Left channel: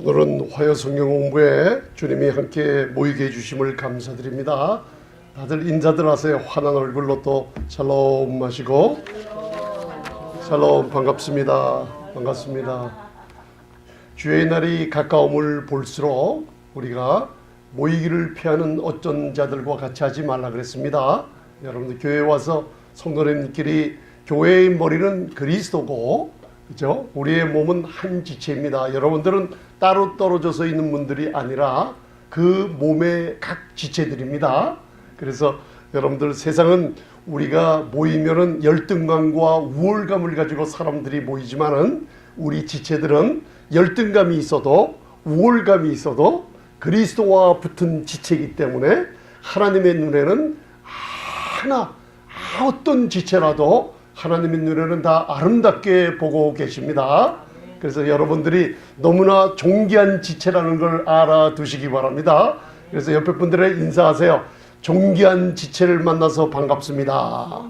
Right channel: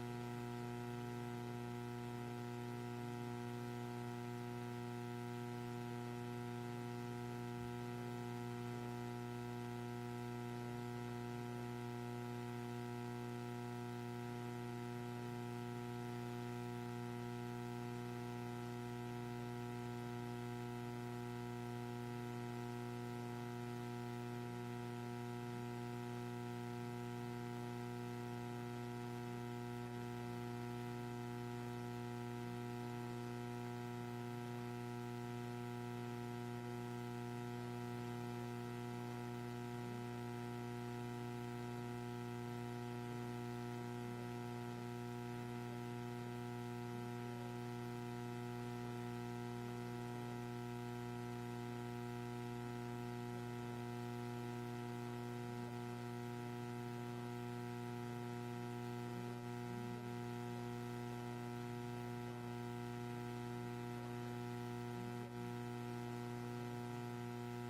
오늘은 화요 성경 공부에 주님이 함께 모이게 해주심을 감사드립니다. 다들 인사들 하세요. 환한 얼굴로 또 샬롬 하시고. 샬롬, 반갑습니다. 반갑습니다. 주의 날이 가까움을 볼수록 우리가 모이기를 피하는 어쩐 자들과 같이 하지 말라 그랬습니다. 여러분들 교회에 와서 성도님들끼리 교회의 머리는 그리스도고, 그죠? 우리의 몸은 한 지체입니다. 여러분들은 따로 떨어져서 있는 분들이 아니라 그 몸의 각 지체들입니다. 그래서 여러분들, 세상은 우리가 모이면은 열등감과 우월감을 가지고 사람들이 모이지만은 우리 지체들은 열등감이 있어도 우월감이 있어도 그리스도와 붙은 지체이기 때문에 하나님의 눈에는 어떤 지체라도 하나님의 눈에는 다 아름답게 보고 계십니다. 그래서 여러분들이 너무나 존귀한 지체라는 걸 알아두시기 바랍니다. 그래서 옆에 분들에 인사하세요. 존귀한 지체를 만나서 반갑습니다.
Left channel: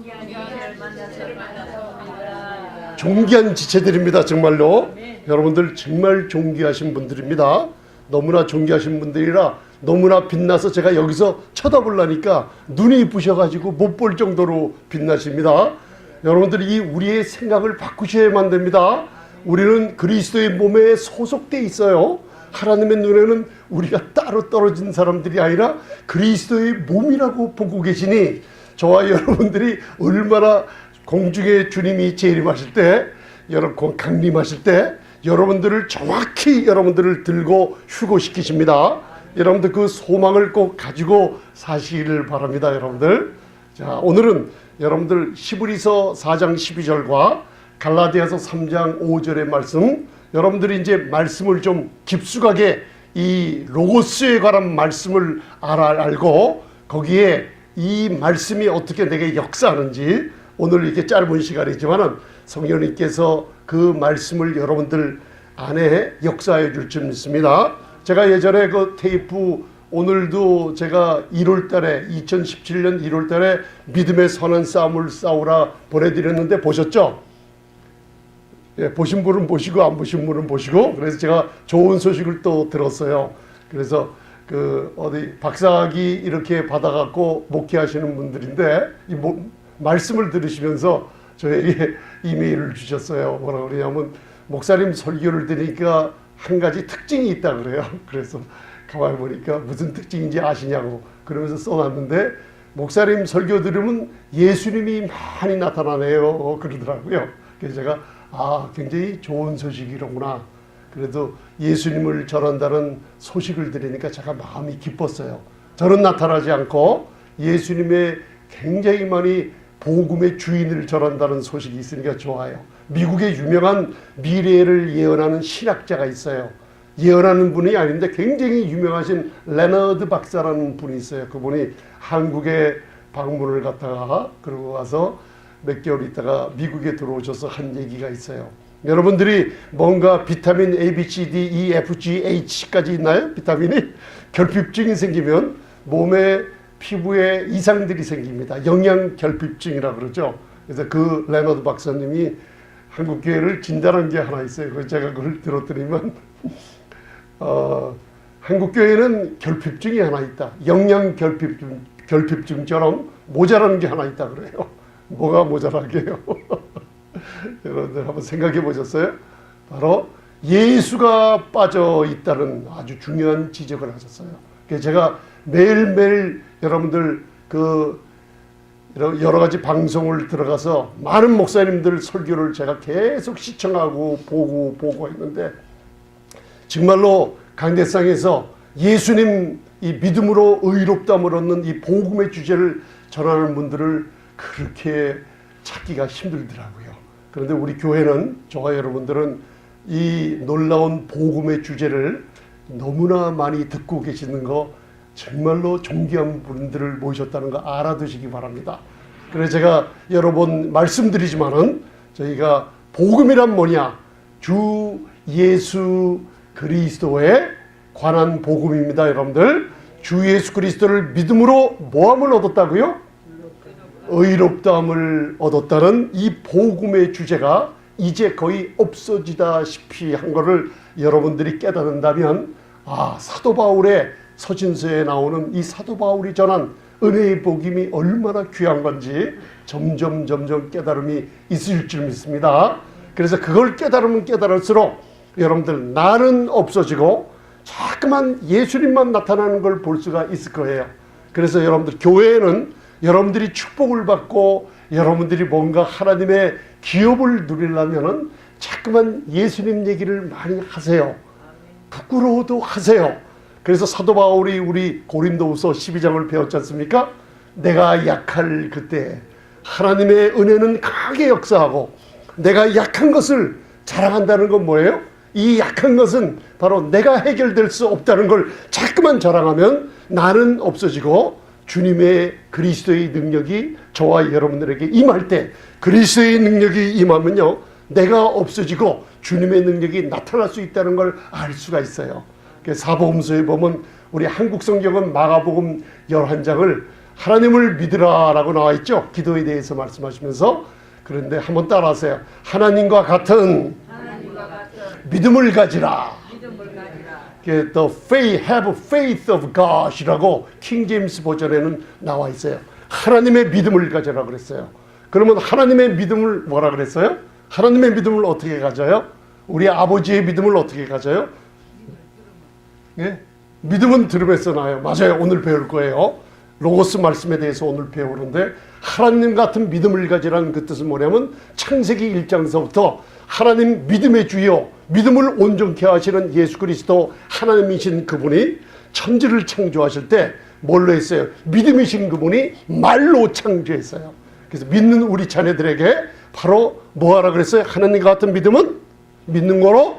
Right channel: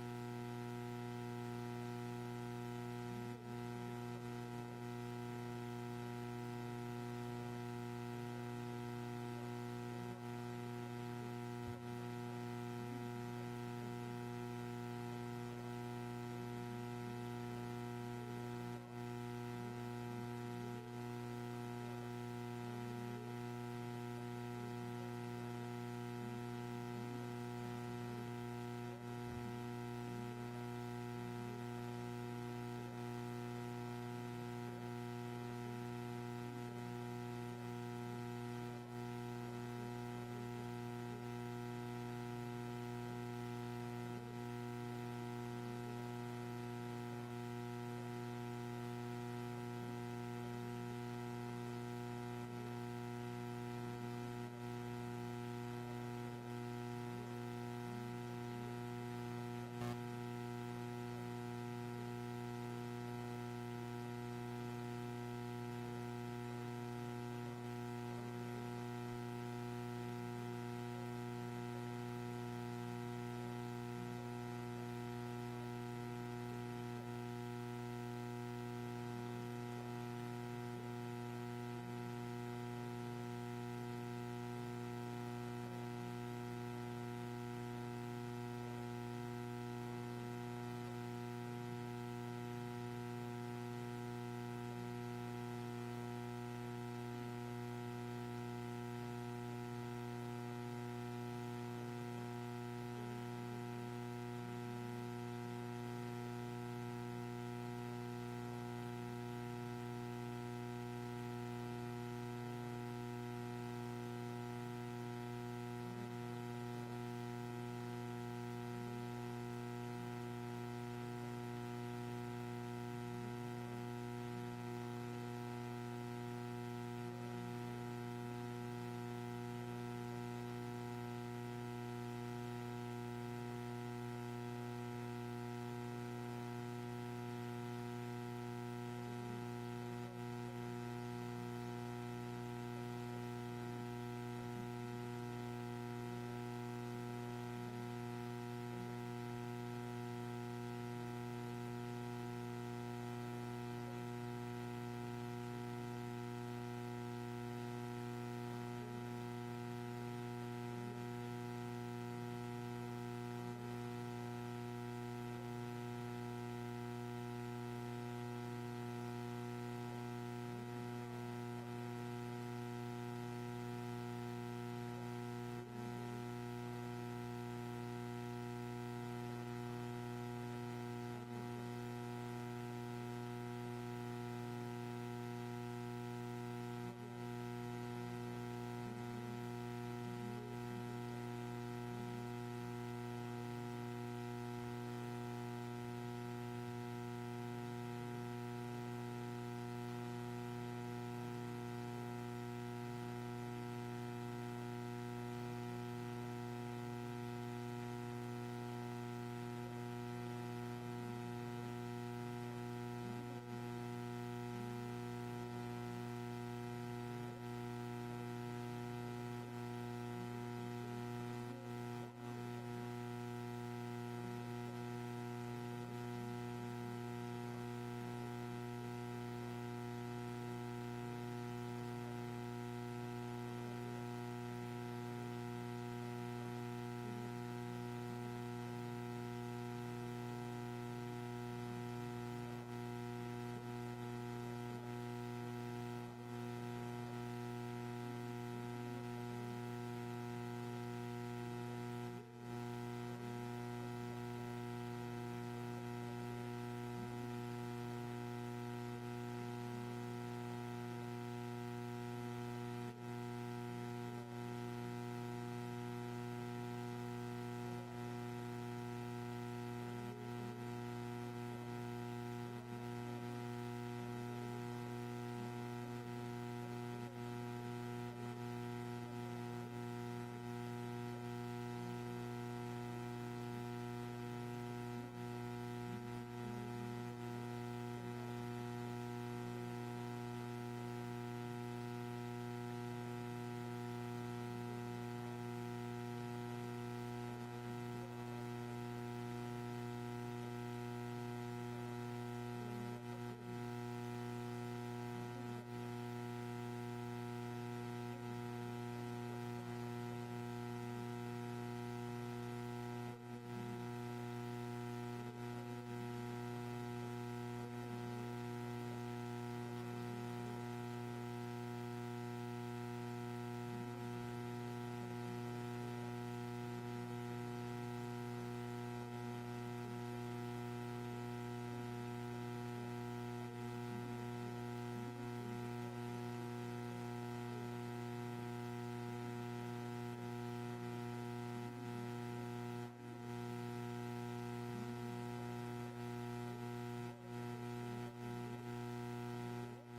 존귀한 지체들입니다. 정말로 여러분들 정말 존귀하신 분들입니다. 너무나 존귀하신 분들이라 너무나 빛나서 제가 여기서 쳐다보려니까 눈이 부셔가지고 못 볼 정도로 빛나십니다. 여러분들이 우리의 생각을 바꾸셔야만 됩니다. 우리는 그리스도의 몸에 소속돼 있어요. 하나님의 눈에는 우리가 따로 떨어진 사람들이 아니라 그리스도의 몸이라고 보고 계시니, 저와 여러분들이 얼마나 공중에 주님이 재림하실 때, 여러분 강림하실 때 여러분들을 정확히 여러분들을 들고 휴고시키십니다. 여러분들 그 소망을 꼭 가지고 사시기를 바랍니다. 여러분들, 자, 오늘은 여러분들 히브리서 4장 12절과 갈라디아서 3장 5절의 말씀, 여러분들이 이제 말씀을 좀 깊숙하게 이 로고스에 관한 말씀을 알고 거기에 이 말씀이 어떻게 내게 역사하는지, 오늘 이렇게 짧은 시간이지만은 성령님께서 그 말씀을 여러분들 안에 역사해 줄 줄 믿습니다. 제가 예전에 그 테이프, 오늘도 제가 1월달에 2017년 1월달에 믿음의 선한 싸움을 싸우라 보내드렸는데 보셨죠? 예, 보신 분은 보시고 안 보신 분은 보시고, 그래서 제가 좋은 소식을 또 들었어요. 그래서 그 어디 박사학위 이렇게 받아갖고 목회하시는 분들인데 이 말씀을 들으시면서 저에게 이메일을 주셨어요. 뭐라 그러냐면, 목사님 설교를 들으니까 한 가지 특징이 있다 그래요. 그래서 가만히 보니까 무슨 특징인지 아시냐고 그러면서 써놨는데, 목사님 설교 들으면 예수님이 많이 나타나네요 그러더라고요. 그래서 제가 굉장히 좋은 소식이로구나. 그래도 예수님을 전한다는 소식을 들으니까 제가 마음이 기뻤어요. 저는 나타나지 않고 예수님의 굉장히 많이 복음의 주인을 전한다는 소식이 있으니까 좋아요. 미국의 유명한 미래를 예언하는 신학자가 있어요. 예언하는 분이 아닌데 굉장히 유명하신 레너드 박사라는 분이 있어요. 그분이 한국에 방문을 갔다가 그러고 와서 몇 개월 있다가 미국에 들어오셔서 한 얘기가 있어요. 여러분들이 뭔가 비타민 A, B, C, D, E, F, G, H까지 있나요? 비타민이 결핍증이 생기면 몸에 피부에 이상들이 생깁니다. 영양 결핍증이라고 그러죠. 그래서 그 레너드 박사님이 한국 교회를 진단한 게 하나 있어요. 그래서 제가 그걸 들었더니만 한국 교회는 결핍증이 하나 있다. 영양 결핍증처럼 모자라는 게 하나 있다 그래요. 뭐가 모자라게요? 여러분들 한번 생각해 보셨어요? 바로 예수가 빠져 있다는 아주 중요한 지적을 하셨어요. 그래서 제가 매일매일 여러분들 그 여러 가지 방송을 들어가서 많은 목사님들 설교를 제가 계속 시청하고 보고 했는데, 정말로 강대상에서 예수님 이 믿음으로 의롭다함을 얻는 이 복음의 주제를 전하는 분들을 그렇게 찾기가 힘들더라고요. 그런데 우리 교회는, 저와 여러분들은 이 놀라운 복음의 주제를 너무나 많이 듣고 계시는 거, 정말로 존귀한 분들을 모셨다는 거 알아두시기 바랍니다. 그래서 제가 여러 번 말씀드리지만은, 저희가 복음이란 뭐냐? 주 예수 그리스도에 관한 복음입니다. 여러분들, 주 예수 그리스도를 믿음으로 뭐함을 얻었다고요? 의롭다함을 얻었다는 이 복음의 주제가 이제 거의 없어지다시피 한 거를 여러분들이 깨닫는다면 사도 바울의 서신서에 나오는 이 사도 바울이 전한 은혜의 복임이 얼마나 귀한 건지 점점 깨달음이 있을 줄 믿습니다. 그래서 그걸 깨달으면 깨달을수록 여러분들 나는 없어지고 자꾸만 예수님만 나타나는 걸 볼 수가 있을 거예요. 그래서 여러분들 교회에는 여러분들이 축복을 받고 여러분들이 뭔가 하나님의 기업을 누리려면은 자꾸만 예수님 얘기를 많이 하세요. 부끄러워도 하세요. 그래서 사도 바울이 우리 고린도후서 12장을 배웠지 않습니까? 내가 약할 그때 하나님의 은혜는 강하게 역사하고 내가 약한 것을 자랑한다는 건 뭐예요? 이 약한 것은 바로 내가 해결될 수 없다는 걸 자꾸만 자랑하면 나는 없어지고 주님의 그리스도의 능력이 저와 여러분들에게 임할 때 그리스도의 능력이 임하면요 내가 없어지고 주님의 능력이 나타날 수 있다는 걸 알 수가 있어요. 사복음서에 보면 우리 한국 성경은 마가복음 11장을 하나님을 믿으라 라고 나와 있죠. 기도에 대해서 말씀하시면서. 그런데 한번 따라하세요. 하나님과 같은 믿음을 가지라. The faith, have faith of God 이라고 킹 제임스 버전에는 나와 있어요. 하나님의 믿음을 가져라 그랬어요. 그러면 하나님의 믿음을 뭐라 그랬어요? 하나님의 믿음을 어떻게 가져요? 우리 아버지의 믿음을 어떻게 가져요? 예? 믿음은 들음에서 나요. 맞아요. 오늘 배울 거예요. 로고스 말씀에 대해서 오늘 배우는데 하나님 같은 믿음을 가지라는 그 뜻은 뭐냐면 창세기 1장서부터 하나님 믿음의 주요 믿음을 온전케 하시는 예수 그리스도 하나님이신 그분이 천지를 창조하실 때 뭘로 했어요? 믿음이신 그분이 말로 창조했어요. 그래서 믿는 우리 자녀들에게 바로 뭐하라 그랬어요? 하나님과 같은 믿음은 믿는 거로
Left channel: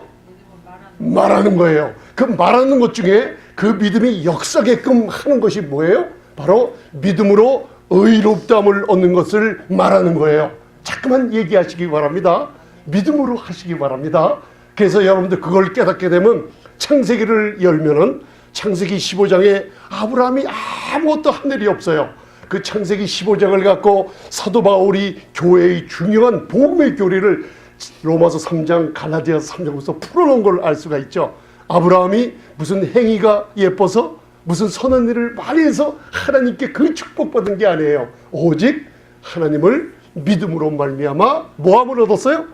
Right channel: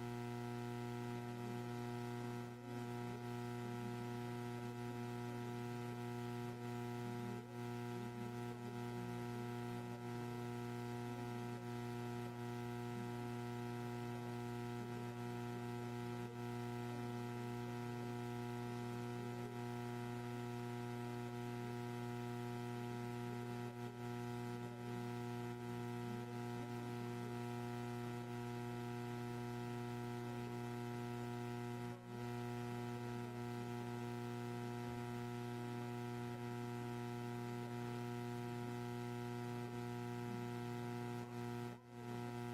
말하는 거예요. 그 말하는 것 중에 그 믿음이 역사게끔 하는 것이 뭐예요? 바로 믿음으로 의롭다함을 얻는 것을 말하는 거예요. 자꾸만 얘기하시기 바랍니다. 믿음으로 하시기 바랍니다. 그래서 여러분들 그걸 깨닫게 되면 창세기를 열면은 창세기 15장에 아브라함이 아무것도 한 일이 없어요. 그 창세기 15장을 갖고 사도 바울이 교회의 중요한 복음의 교리를 로마서 3장 갈라디아서 3장부터 풀어놓은 걸 알 수가 있죠. 아브라함이 무슨 행위가 예뻐서 무슨 선한 일을 많이 해서 하나님께 그 축복받은 게 아니에요. 오직 하나님을 믿음으로 말미암아 뭐함을 얻었어요?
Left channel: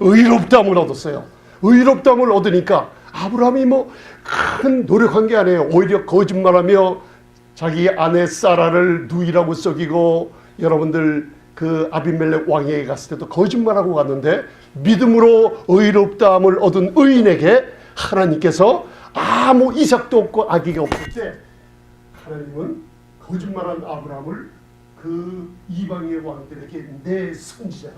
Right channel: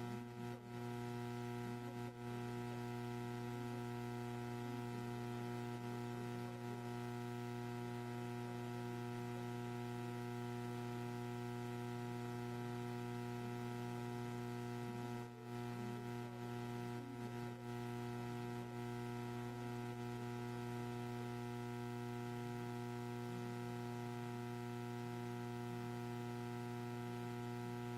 의롭다함을 얻었어요. 의롭다함을 얻으니까 아브라함이 뭐 큰 노력한 게 아니에요. 오히려 거짓말하며 자기 아내 사라를 누이라고 속이고 여러분들 그 아비멜렉 왕에게 갔을 때도 거짓말하고 갔는데 믿음으로 의롭다함을 얻은 의인에게 하나님께서 아무 이삭도 없고 아기가 없을 때 하나님은 거짓말한 아브라함을 그 이방의 왕들에게 내 선지자가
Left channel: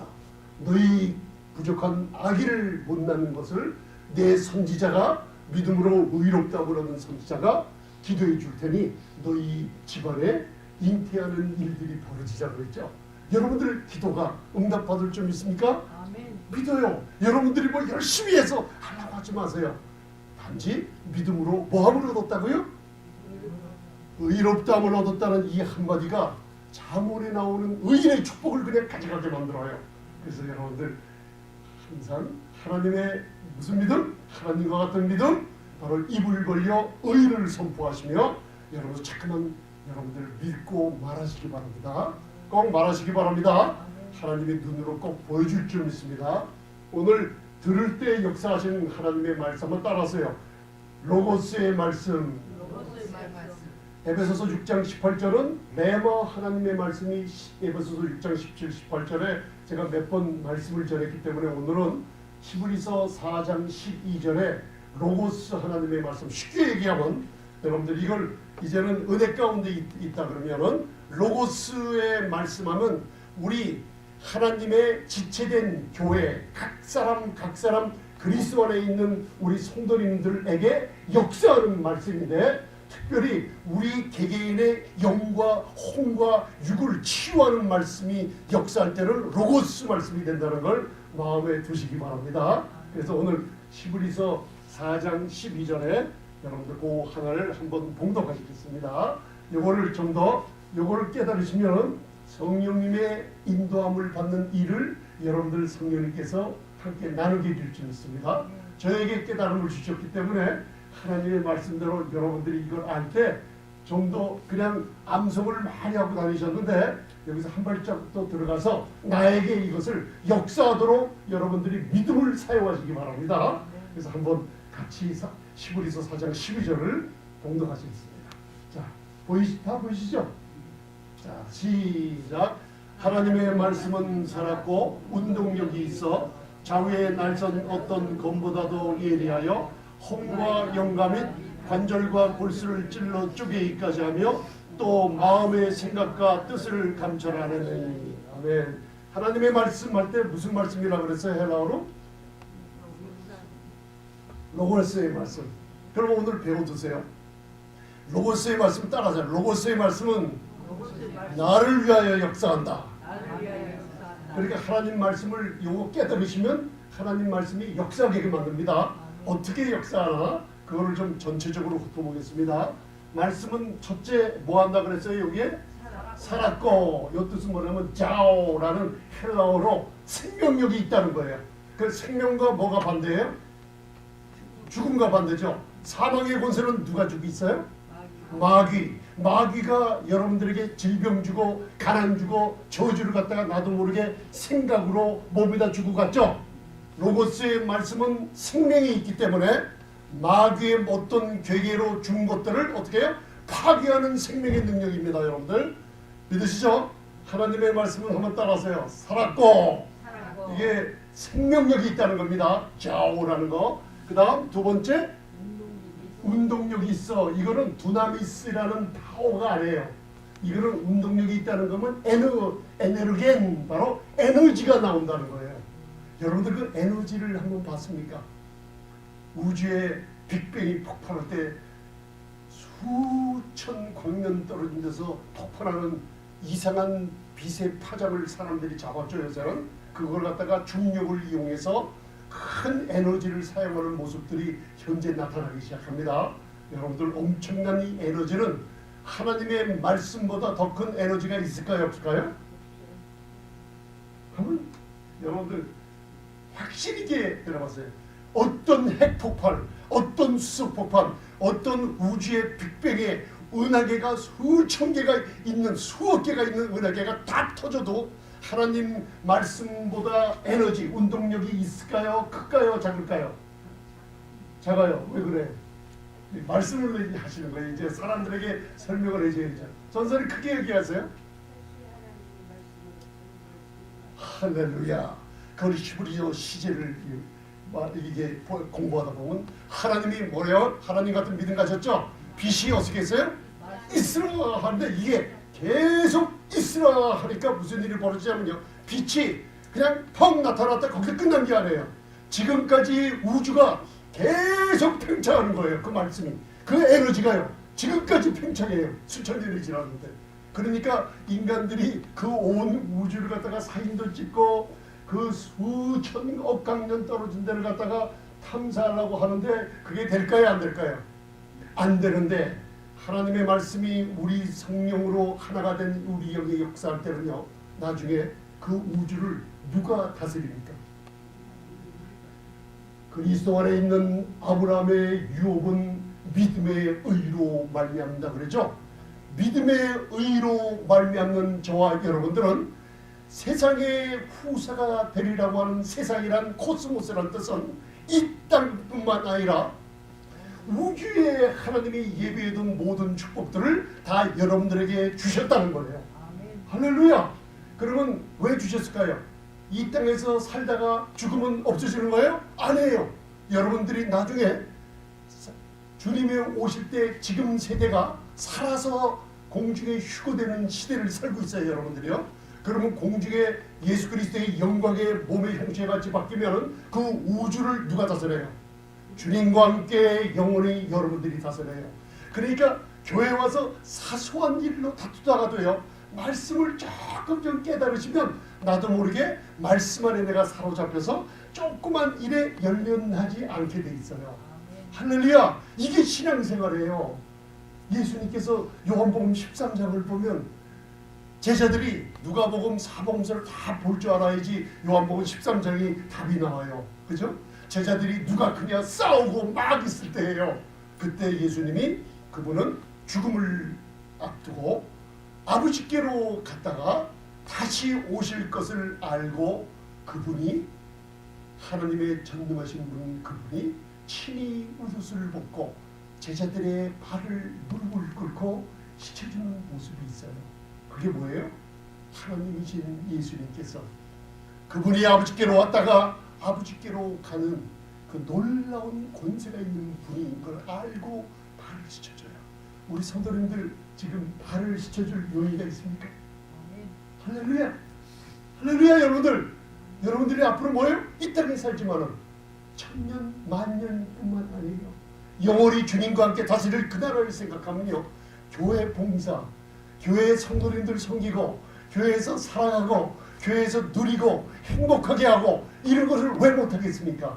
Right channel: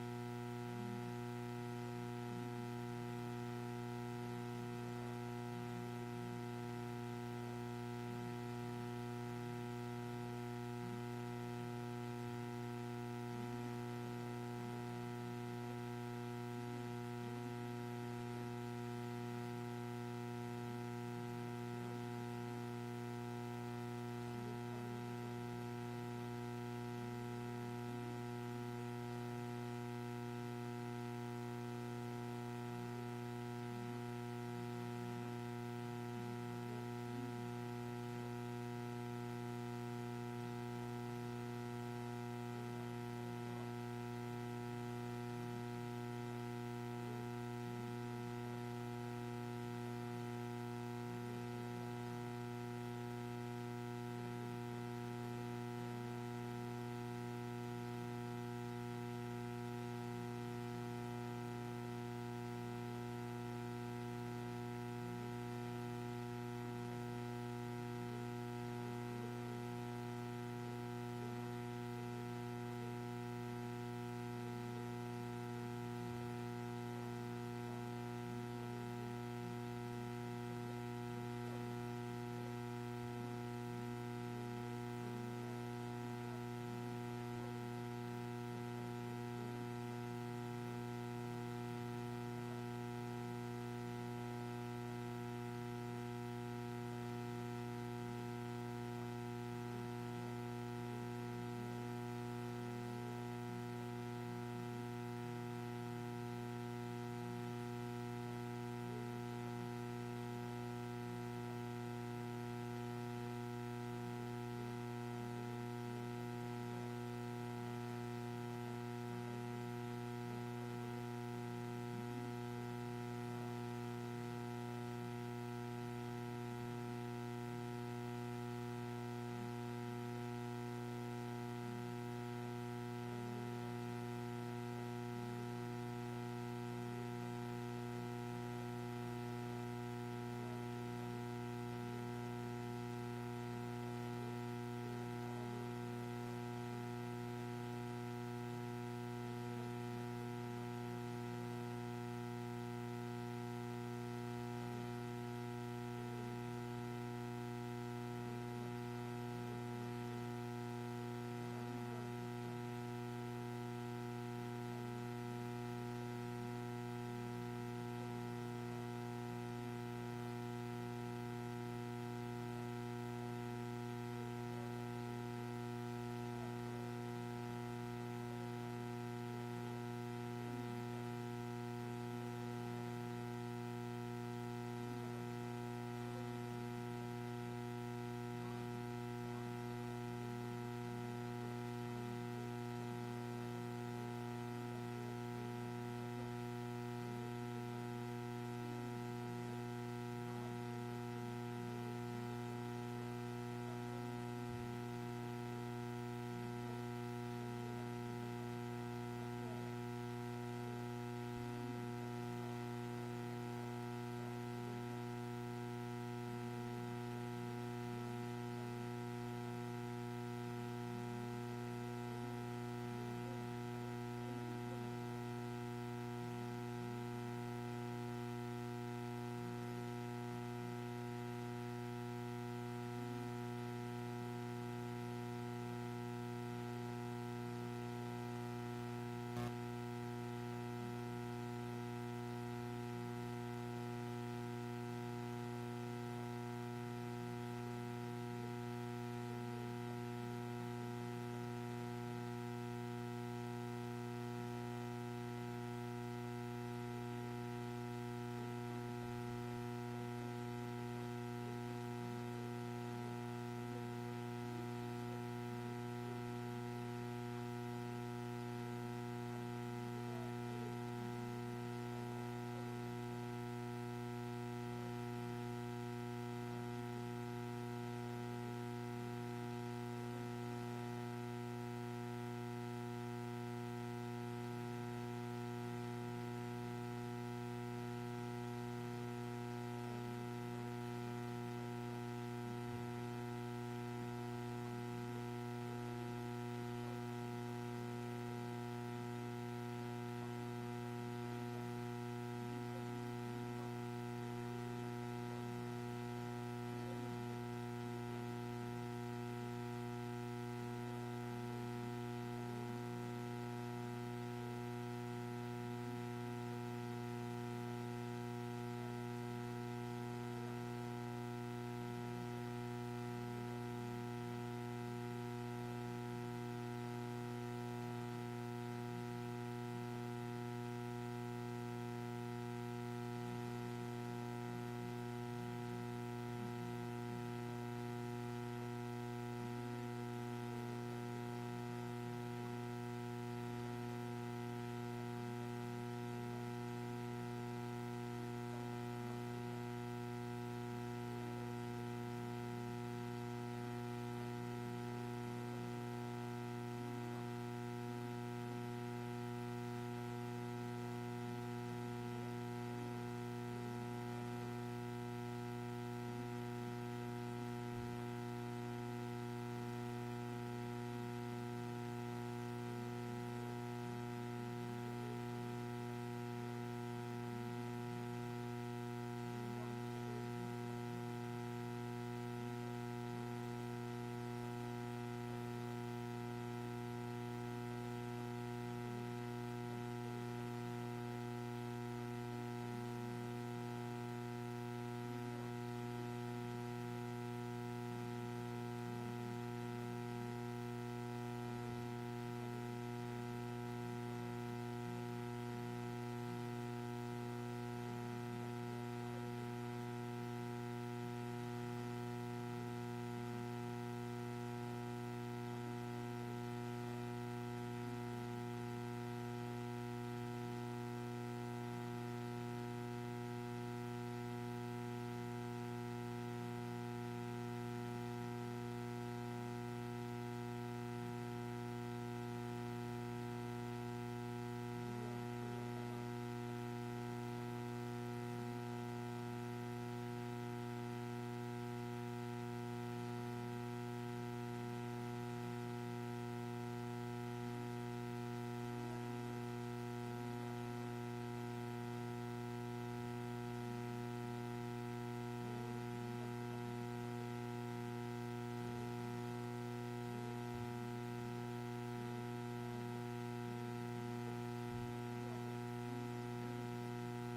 너희 부족한 아기를 못 낳는 것을 내 선지자가 믿음으로 의롭다함을 얻은 선지자가 기도해 줄 테니 너희 집안에 잉태하는 일들이 벌어지자고 했죠. 여러분들 기도가 응답받을 줄 믿습니까? 믿어요. 여러분들이 뭐 열심히 해서 하려고 하지 마세요. 단지 믿음으로 뭐함을 얻었다고요? 의롭다함을 얻었다는 이 한마디가 잠언에 나오는 의인의 축복을 그냥 가져가게 만들어요. 그래서 여러분들 항상 하나님의 무슨 믿음? 하나님과 같은 믿음? 바로 입을 벌려 의를 선포하시며 여러분 자꾸만 여러분들 믿고 말하시기 바랍니다. 꼭 말하시기 바랍니다. 하나님의 눈으로 꼭 보여줄 줄 믿습니다. 오늘 들을 때 역사하시는 하나님의 말씀 한번 따라하세요. 로고스의 말씀. 에베소서 6장 18절은 매머 하나님의 말씀이 에베소서 6장 17, 18절에 제가 몇 번 말씀을 전했기 때문에 오늘은 히브리서 4장 12절에 로고스 하나님의 말씀 쉽게 얘기하면 여러분들 이걸 이제는 은혜 가운데 있다 그러면은 로고스의 말씀하면 우리 하나님의 지체된 교회 각 사람 그리스도 안에 있는 우리 성도님들에게 역사하는 말씀인데 특별히 우리 개개인의 영과 혼과 육을 치유하는 말씀이 역사할 때는 로고스 말씀이 된다는 걸 마음에 두시기 바랍니다. 그래서 오늘 히브리서 4장 12절에 여러분들 그 하나를 한번 봉독하시겠습니다. 요거를 좀 더 요거를 깨달으시면 성령님의 인도함을 받는 일을 여러분들 성령님께서 함께 나누게 될 줄 믿습니다. 저에게 깨달음을 주셨기 때문에 하나님의 말씀대로 여러분들이 이걸 알 때 좀 더 그냥 암송을 많이 하고 다니셨는데 여기서 한 발짝 더 들어가서 나에게 이것을 역사하도록 여러분들이 믿음을 사용하시기 바랍니다. 그래서 한번 같이 히브리서 4장 12절을 공독하시겠습니다. 자, 다 보이시죠? 자, 시작. 하나님의 말씀은 살았고 운동력이 있어 좌우의 날선 어떤 검보다도 예리하여 혼과 영감 및 관절과 골수를 찔러 쪼개기까지 하며 또 마음의 생각과 뜻을 감찰하는. 아멘. 하나님의 말씀할 때 무슨 말씀이라고 그랬어요? 헬라어로? 로고스의 말씀. 여러분 오늘 배워두세요. 로고스의 말씀 따라하세요. 로고스의 말씀은 나를 위하여 역사한다. 그러니까 하나님 말씀을 요거 깨달으시면 하나님 말씀이 역사하게 만듭니다. 어떻게 역사하나? 그거를 좀 전체적으로 훑어보겠습니다. 말씀은 첫째 뭐 한다 그랬어요? 여기에 살았고, 이 뜻은 뭐냐면 자오라는 헬라어로 생명력이 있다는 거예요. 그 생명과 뭐가 반대예요? 죽음과 반대죠. 사망의 권세는 누가 주고 있어요? 마귀가 여러분들에게 질병 주고 가난 주고 저주를 갖다가 나도 모르게 생각으로 몸에다 주고 갔죠. 로고스의 말씀은 생명이 있기 때문에 마귀의 어떤 괴계로 준 것들을 어떻게 해요? 파괴하는 생명의 능력입니다. 여러분들 믿으시죠? 하나님의 말씀은 한번 따라하세요. 살았고, 이게 생명력이 있다는 겁니다. 자오라는 거. 그 다음 두 번째 운동력이 있어. 이거는 두나미스라는 파워가 아니에요. 이거는 운동력이 있다는 거면 에너겐, 바로 에너지가 나온다는 거예요. 여러분들 그 에너지를 한번 봤습니까? 우주의 빅뱅이 폭발할 때 수천 광년 떨어진 데서 폭발하는 이상한 빛의 파장을 사람들이 잡았죠. 요새는 그걸 갖다가 중력을 이용해서 큰 에너지를 사용하는 모습들이 현재 나타나기 시작합니다. 여러분들 엄청난 이 에너지는 하나님의 말씀보다 더 큰 에너지가 있을까요? 없을까요? 한번 여러분들 확실히 들어봤어요. 어떤 핵폭발, 어떤 수소폭발, 어떤 우주의 빅뱅에 은하계가 수천 개가 있는, 수억 개가 있는 은하계가 다 터져도 하나님 말씀보다 에너지, 운동력이 있을까요? 클까요? 작을까요? 작아요. 왜 그래? 말씀으로 얘기하시는 거예요. 이제 사람들에게 설명을 해줘야죠. 전설이 크게 얘기하세요. 할렐루야. 그 히브리어 시제를 이게 공부하다 보면 하나님이 뭐래요? 하나님 같은 믿음 가졌죠? 빛이 어떻게 했어요? 있으라 하는데 이게 계속 있으라 하니까 무슨 일이 벌어지냐면요, 빛이 그냥 펑 나타났다 거기서 끝난 게 아니에요. 지금까지 우주가 계속 팽창하는 거예요. 그 말씀이, 그 에너지가요 지금까지 팽창해요. 수천 년이 지났는데. 그러니까 인간들이 그 온 우주를 갖다가 사진도 찍고 그 수천억 광년 떨어진 데를 갖다가 탐사하려고 하는데 그게 될까요? 안 될까요? 안 되는데 하나님의 말씀이 우리 성령으로 하나가 된 우리 영의 역사할 때는요, 나중에 그 우주를 누가 다스립니까? 그리스도 안에 있는 아브라함의 유업은 믿음의 의로 말미암는다 그러죠. 믿음의 의로 말미암는 저와 여러분들은 세상의 후사가 되리라고 하는 세상이란 코스모스란 뜻은 이 땅뿐만 아니라 우주에 하나님이 예비해둔 모든 축복들을 다 여러분들에게 주셨다는 거예요. 할렐루야. 그러면 왜 주셨을까요? 이 땅에서 살다가 죽으면 없어지는 거예요? 아니에요. 여러분들이 나중에 주님이 오실 때 지금 세대가 살아서 공중에 휴거되는 시대를 살고 있어요. 여러분들이요. 그러면 공중에 예수 그리스도의 영광의 몸의 형체가 같이 바뀌면 그 우주를 누가 다스려요? 주님과 함께 영원히 여러분들이 다스려요. 그러니까 교회 와서 사소한 일로 다투다가도요, 말씀을 조금 좀 깨달으시면 나도 모르게 말씀 안에 내가 사로잡혀서 조그만 일에 연연하지 않게 돼 있어요. 할렐루야. 이게 신앙생활이에요. 예수님께서 요한복음 13장을 보면 제자들이 누가복음, 사복음서를 다 볼 줄 알아야지 요한복음 13장이 답이 나와요. 그죠? 제자들이 누가 크냐 싸우고 막 있을 때예요. 그때 예수님이 그분은 죽음을 앞두고 아버지께로 갔다가 다시 오실 것을 알고 그분이 하나님의 전능하신 분 그분이 친히 옷을 벗고 제자들의 발을 무릎을 꿇고 씻어주는 모습이 있어요. 그게 뭐예요? 하나님이신 예수님께서 그분이 아버지께로 왔다가 아버지께로 가는 그 놀라운 권세가 있는 분인 걸 알고 발을 씻어줘요. 우리 성도님들 지금 발을 씻어줄 용의가 있습니까? 할렐루야! 할렐루야 여러분들! 여러분들이 앞으로 뭐예요? 이 땅에 살지만은 천년 만년뿐만 아니라 영원히 주님과 함께 다스릴 그 나라를 생각하면요, 교회 봉사, 교회 성도님들 섬기고 교회에서 사랑하고 교회에서 누리고 행복하게 하고 이런 것을 왜 못하겠습니까?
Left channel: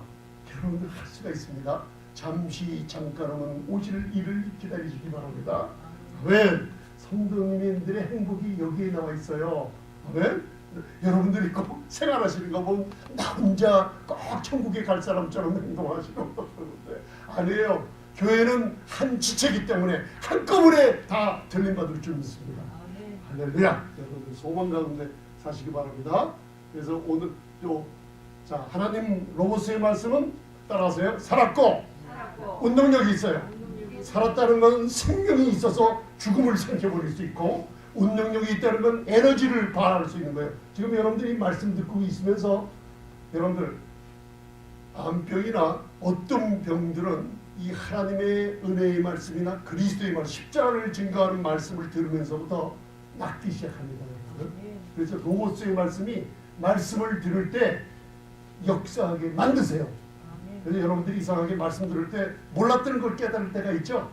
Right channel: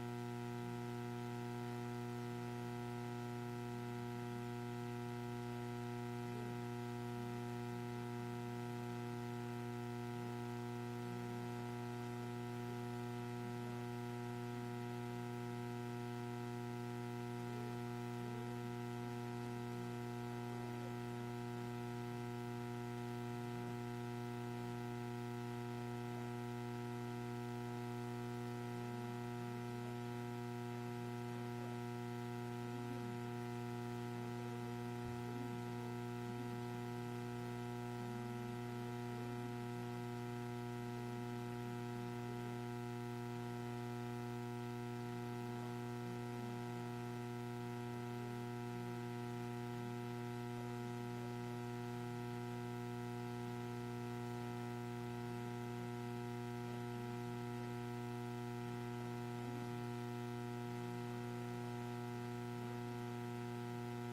여러분들 할 수가 있습니다. 잠시 잠깐은 오실 일을 기다리시기 바랍니다. 왜? 성도님들의 행복이 여기에 나와 있어요. 왜? 여러분들이 꼭 생활하시는 거 보면 나 혼자 꼭 천국에 갈 사람처럼 행동하시고 아니에요. 교회는 한 지체이기 때문에 한꺼번에 다 전림받을 줄 믿습니다. 할렐루야. 여러분들 소망 가운데 사시기 바랍니다. 그래서 오늘 자 하나님 로고스의 말씀은 따라하세요. 살았고 운동력이 있어요. 살았다는 건 생명이 있어서 죽음을 삼켜버릴 수 있고 운동력이 있다는 건 에너지를 발휘할 수 있는 거예요. 지금 여러분들이 말씀 듣고 있으면서 여러분들 암병이나 어떤 병들은 이 하나님의 은혜의 말씀이나 그리스도의 말씀, 십자가를 증거하는 말씀을 들으면서부터 낫기 시작합니다. 그래서 로고스의 말씀이 말씀을 들을 때 역사하게 만드세요. 그래서 여러분들이 이상하게 말씀 들을 때 몰랐던 걸 깨달을 때가 있죠.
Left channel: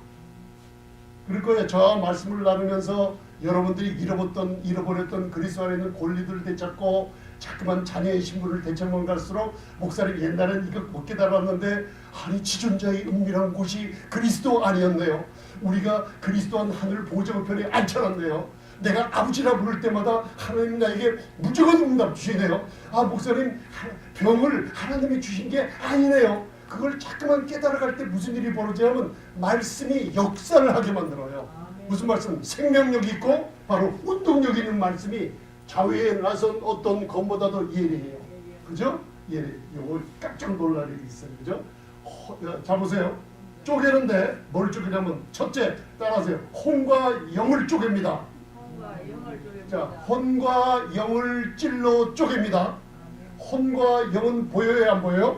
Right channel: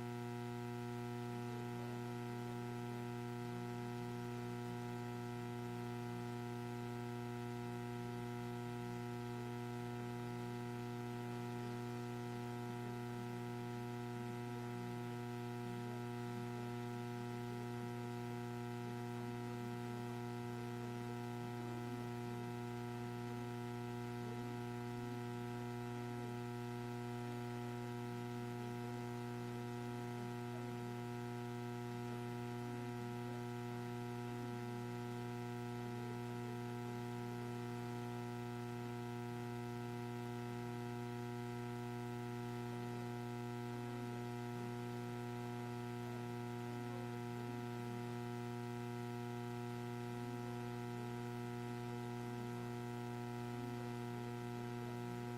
그럴 거예요. 저와 말씀을 나누면서 여러분들이 잃어버렸던 그리스도 안에 있는 권리들을 되찾고 자꾸만 자녀의 신분을 되찾는 갈수록 목사님 옛날엔 이거 못 깨달았는데 아니 지존자의 은밀한 곳이 그리스도 아니었네요. 우리가 그리스도한 하늘 보좌우편에 앉혀놨네요. 내가 아버지라 부를 때마다 하나님 나에게 무조건 응답 주시네요. 아 목사님 병을 하나님이 주신 게 아니네요. 그걸 자꾸만 깨달아갈 때 무슨 일이 벌어지냐면 말씀이 역사를 하게 만들어요. 무슨 말씀? 생명력이 있고 바로 운동력 있는 말씀이 자위에 나선 어떤 검보다도 예리해요. 그죠? 예리. 이거 깜짝 놀랄 일이 있어요. 그죠? 자 보세요. 쪼개는데 뭘 쪼개냐면 첫째 따라하세요. 혼과 영을 쪼갭니다. 자, 혼과 영을 찔러 쪼갭니다. 혼과 영은 보여요, 안 보여요?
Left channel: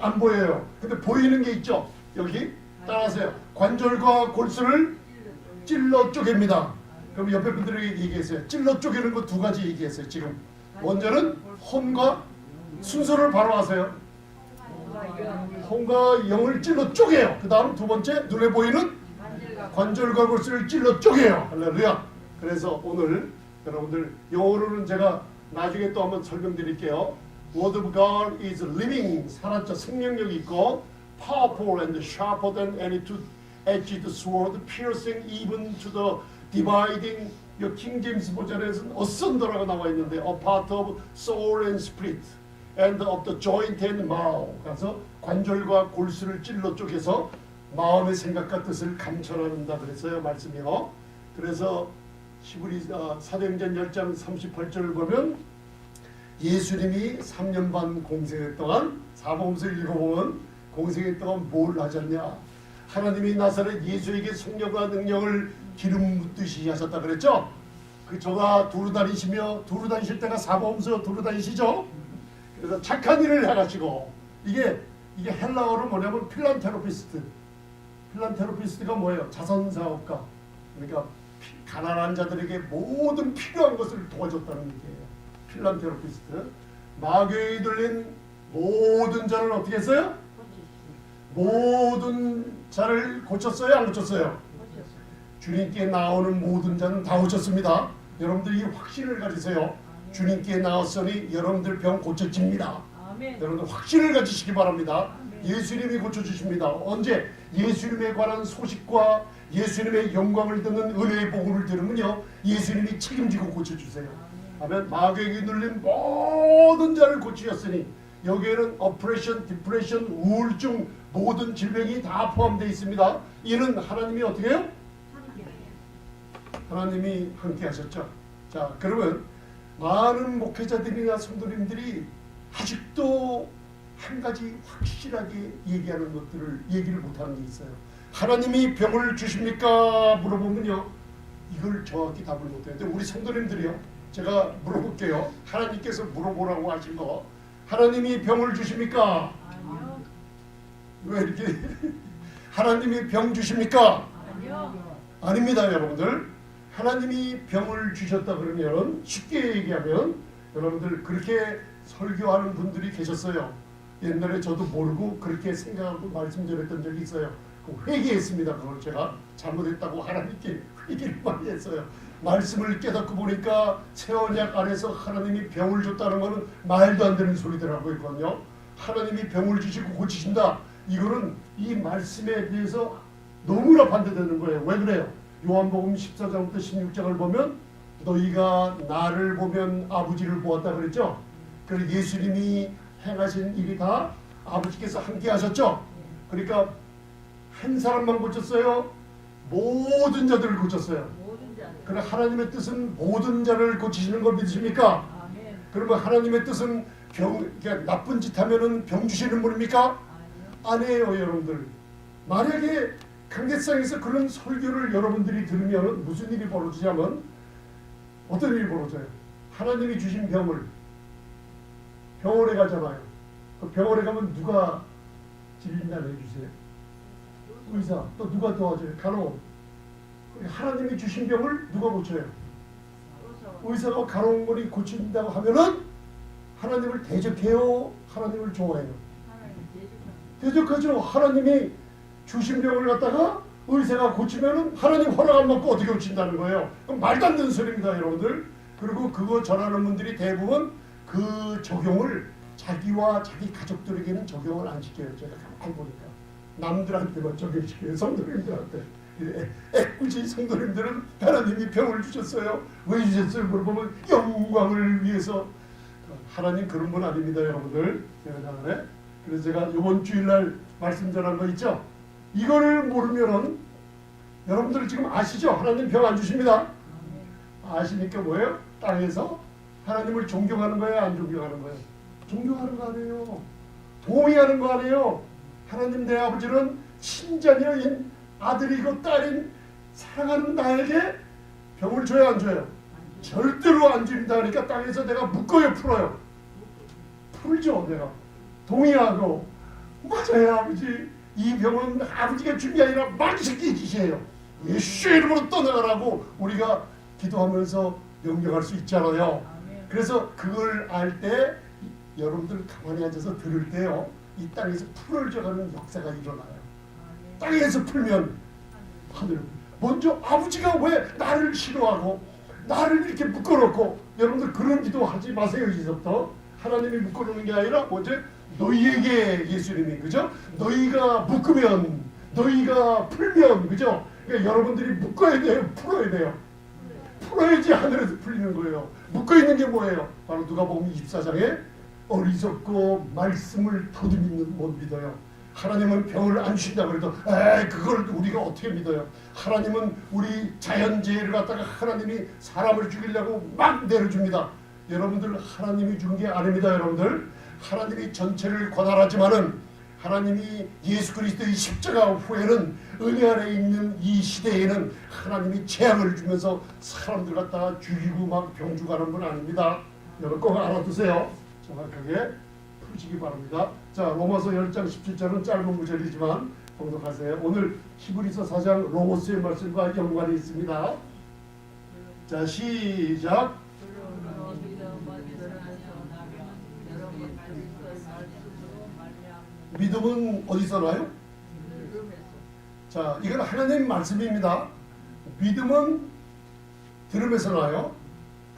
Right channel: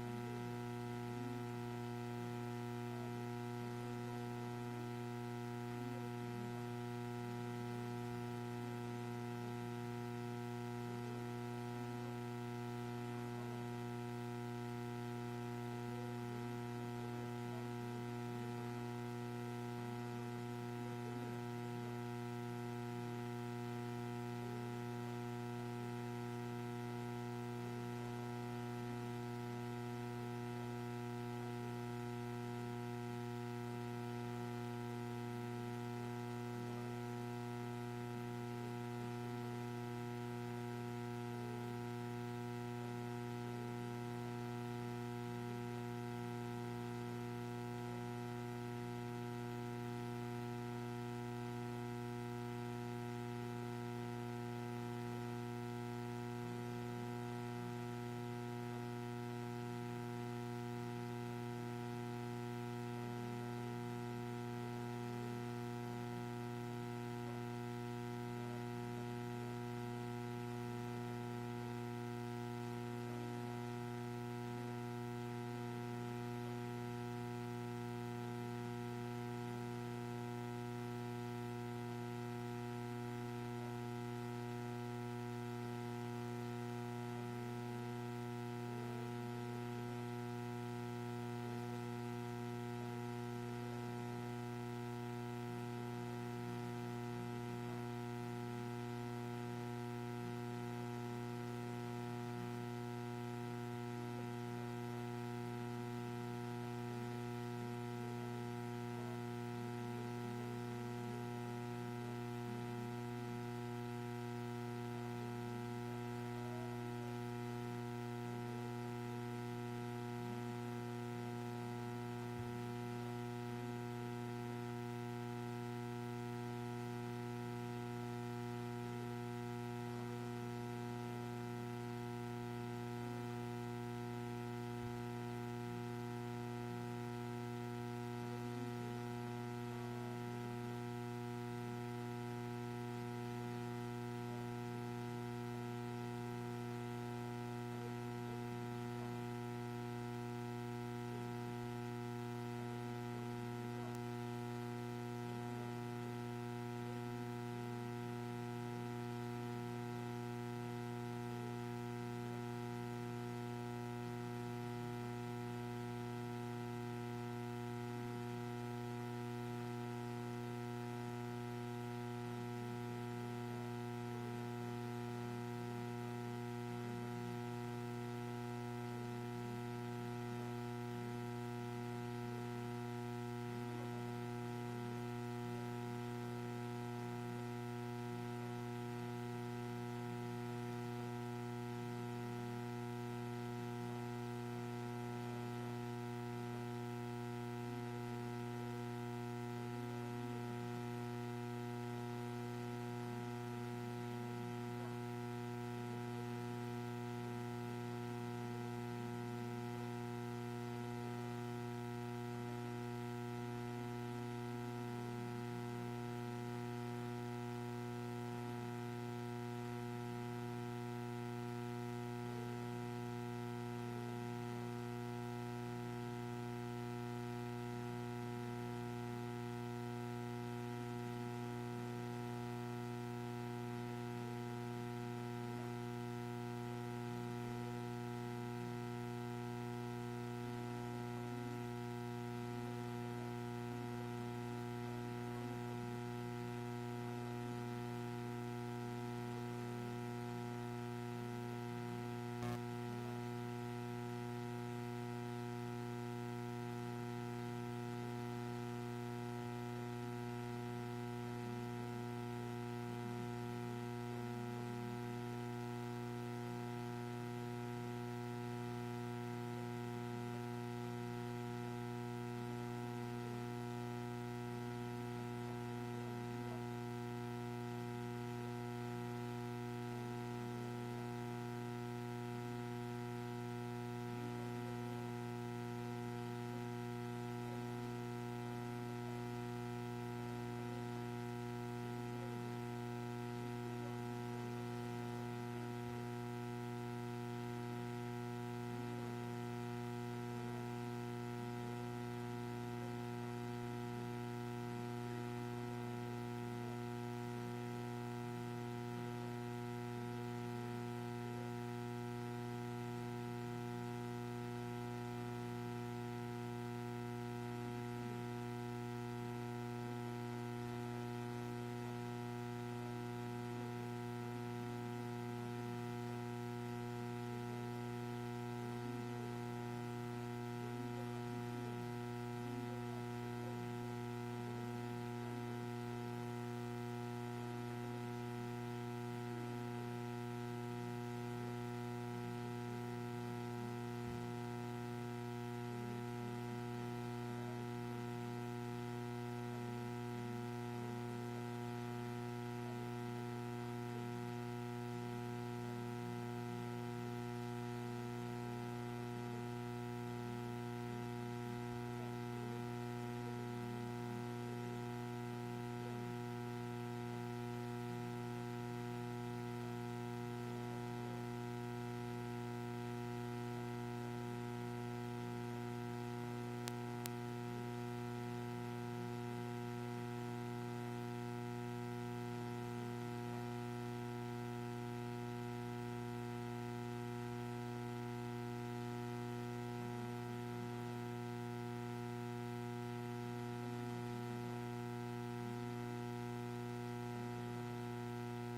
안 보여요. 근데 보이는 게 있죠. 여기 따라하세요. 관절과 골수를 찔러 쪼갭니다. 그럼 옆에 분들에게 얘기했어요. 찔러 쪼개는 거 두 가지 얘기했어요. 지금 먼저는 혼과 순서를 바로 하세요. 혼과 영을 찔러 쪼개요. 그 다음 두 번째 눈에 보이는 관절과 골수를 찔러 쪼개요. 할렐루야. 그래서 오늘 여러분들 영어로는 제가 나중에 또 한번 설명드릴게요. Word of God is living, 살았죠. 생명력이 있고 powerful and sharper than any two-edged sword, piercing even to the dividing. 이 킹 제임스 버전에서는 어선더라고 나와 있는데 a part of soul and spirit and of the joint and marrow. 그래서 관절과 골수를 찔러 쪼개서 마음의 생각과 뜻을 감춰낸다 그랬어요. 말씀이요. 그래서 사도행전 10장 38절을 보면 예수님이 3년 반 공생일 동안 사복음서를 읽어보면 공생일 동안 뭘 하셨냐. 하나님이 나사렛 예수에게 성령과 능력을 기름 붓듯이 하셨다 그랬죠. 그 저가 두루 다니실 때가 사복음서 두루 다니시죠. 그래서 착한 일을 해가지고 이게 헬라어로 뭐냐면 필란테로피스트가 뭐예요? 자선사업가. 그러니까 가난한 자들에게 모든 필요한 것을 도와줬다는 얘기예요. 필란테로피스트. 마귀에 들린 모든 자를 어떻게 했어요? 모든 자를 고쳤어요? 안 고쳤어요? 주님께 나오는 모든 자는 다 고쳤습니다. 여러분들이 확신을 가지세요. 주님께 나왔으니 여러분들 병 고쳐집니다. 아멘. 여러분들 확신을 가지시기 바랍니다. 아멘. 예수님이 고쳐주십니다. 언제? 예수님에 관한 소식과 예수님의 영광을 듣는 은혜의 복음을 들으면요 예수님이 책임지고 고쳐주세요. 아멘. 마귀에게 눌린 모든 자를 고치셨으니 여기에는 어프레션, 디프레션, 우울증 모든 질병이 다 포함되어 있습니다. 이는 하나님이 어떻게 해요? 하나님이 함께 하셨죠. 자, 그러면 많은 목회자들이나 성도님들이 아직도 한 가지 확실하게 얘기하는 것들을 얘기를 못하는 게 있어요. 하나님이 병을 주십니까? 물어보면요, 이걸 정확히 답을 못해요. 근데 우리 성도님들이요, 제가 물어볼게요. 하나님께서 물어보라고 하신 거, 하나님이 병을 주십니까? 왜 이렇게 하나님이 병 주십니까? 아닙니다, 여러분들. 하나님이 병을 주셨다 그러면 쉽게 얘기하면 여러분들 그렇게 설교하는 분들이 계셨어요. 옛날에 저도 모르고 그렇게 생각하고 말씀 전했던 적이 있어요. 회개했습니다. 그걸 제가 잘못했다고 하나님께 회개를 많이 했어요. 말씀을 깨닫고 보니까 새 언약 안에서 하나님이 병을 줬다는 것은 말도 안 되는 소리더라고요. 있거든요. 하나님이 병을 주시고 고치신다. 이거는 이 말씀에 비해서 너무나 반대되는 거예요. 왜 그래요? 요한복음 14장부터 16장을 보면 너희가 나를 보면 아버지를 보았다 그랬죠. 그리고 예수님이 행하신 일이 다 아버지께서 함께 하셨죠. 그러니까 한 사람만 고쳤어요? 모든 자들을 고쳤어요. 그러나 하나님의 뜻은 모든 자를 고치시는 걸 믿으십니까? 그러면 하나님의 뜻은 그러니까 나쁜 짓 하면은 병 주시는 분입니까? 아니에요, 여러분들. 만약에 강대상에서 그런 설교를 여러분들이 들으면 무슨 일이 벌어지냐면 어떤 일이 벌어져요? 하나님이 주신 병을 병원에 가잖아요. 그 병원에 가면 누가 진단해 주세요? 의사. 또 누가 도와줘요? 간호원. 하나님이 주신 병을 누가 고쳐요? 의사가 간호원이 고친다고 하면은 하나님을 대적해요? 하나님을 좋아해요? 대적하죠. 하나님이 주신 병을 갖다가 의사가 고치면은 하나님 허락 안 받고 어떻게 고친다는 거예요? 말도 안 되는 소리입니다, 여러분들. 그리고 그거 전하는 분들이 대부분 그 적용을 자기와 자기 가족들에게는 적용을 안 시켜요. 제가 가만히 보니까 남들한테만 적용시켜요. 성도님들한테. 애꿎이 성도님들은 하나님이 병을 주셨어요. 왜 주셨어요? 물어보면 영광을 위해서. 하나님 그런 분 아닙니다, 여러분들. 그래서 제가 이번 주일날 말씀 전한 거 있죠? 이거를 모르면은 여러분들 지금 아시죠? 하나님 병 안 주십니다. 아시니까 뭐예요? 땅에서 하나님을 존경하는 거예요? 안 존경하는 거예요? 존경하는 거 아니에요. 동의하는 거 아니에요. 하나님 내 아버지는 친자녀인 아들이고 딸인 사랑하는 나에게 병을 줘야 안 줘요? 절대로 안 줍니다. 그러니까 땅에서 내가 묶어요, 풀어요? 풀죠. 내가 동의하고 맞아요, 아버지. 이 병은 아버지가 준 게 아니라 만식의 짓이에요. 예수의 이름으로 떠나가라고 우리가 기도하면서 명령할 수 있잖아요. 그래서 그걸 알 때 여러분들 가만히 앉아서 들을 때요, 이 땅에서 풀어져가는 역사가 일어나요. 땅에서 풀면 하늘. 먼저 아버지가 왜 나를 싫어하고 나를 이렇게 묶어놓고, 여러분들 그런 기도하지 마세요. 이제부터 하나님이 묶어놓는 게 아니라 어제 너희에게 예수님이, 그죠? 너희가 묶으면, 너희가 풀면, 그죠? 그러니까 여러분들이 묶어야 돼요, 풀어야 돼요. 풀어야지 하늘에서 풀리는 거예요. 묶어있는 게 뭐예요? 바로 누가복음 24장에 어리석고 말씀을 더듬이는 못 믿어요. 하나님은 병을 안 주신다 그래도 그걸 우리가 어떻게 믿어요? 하나님은 우리 자연재해를 갖다가 하나님이 사람을 죽이려고 막 내려줍니다. 여러분들 하나님이 준 게 아닙니다. 여러분들 하나님이 전체를 권한하지만은 하나님이 예수 그리스도의 십자가 후에는 은혜 안에 있는 이 시대에는 하나님이 재앙을 주면서 사람들 갖다가 죽이고 막 병주가는 건 아닙니다. 여러분 꼭 알아두세요. 정확하게 푸시기 바랍니다. 자, 로마서 10장 17절은 짧은 구절이지만 봉독하세요. 오늘 히브리서 4장 로고스의 말씀과 연관이 있습니다. 자, 시작. 믿음은 어디서 나요? 자, 이건 하나님 말씀입니다. 믿음은 들음에서 나요.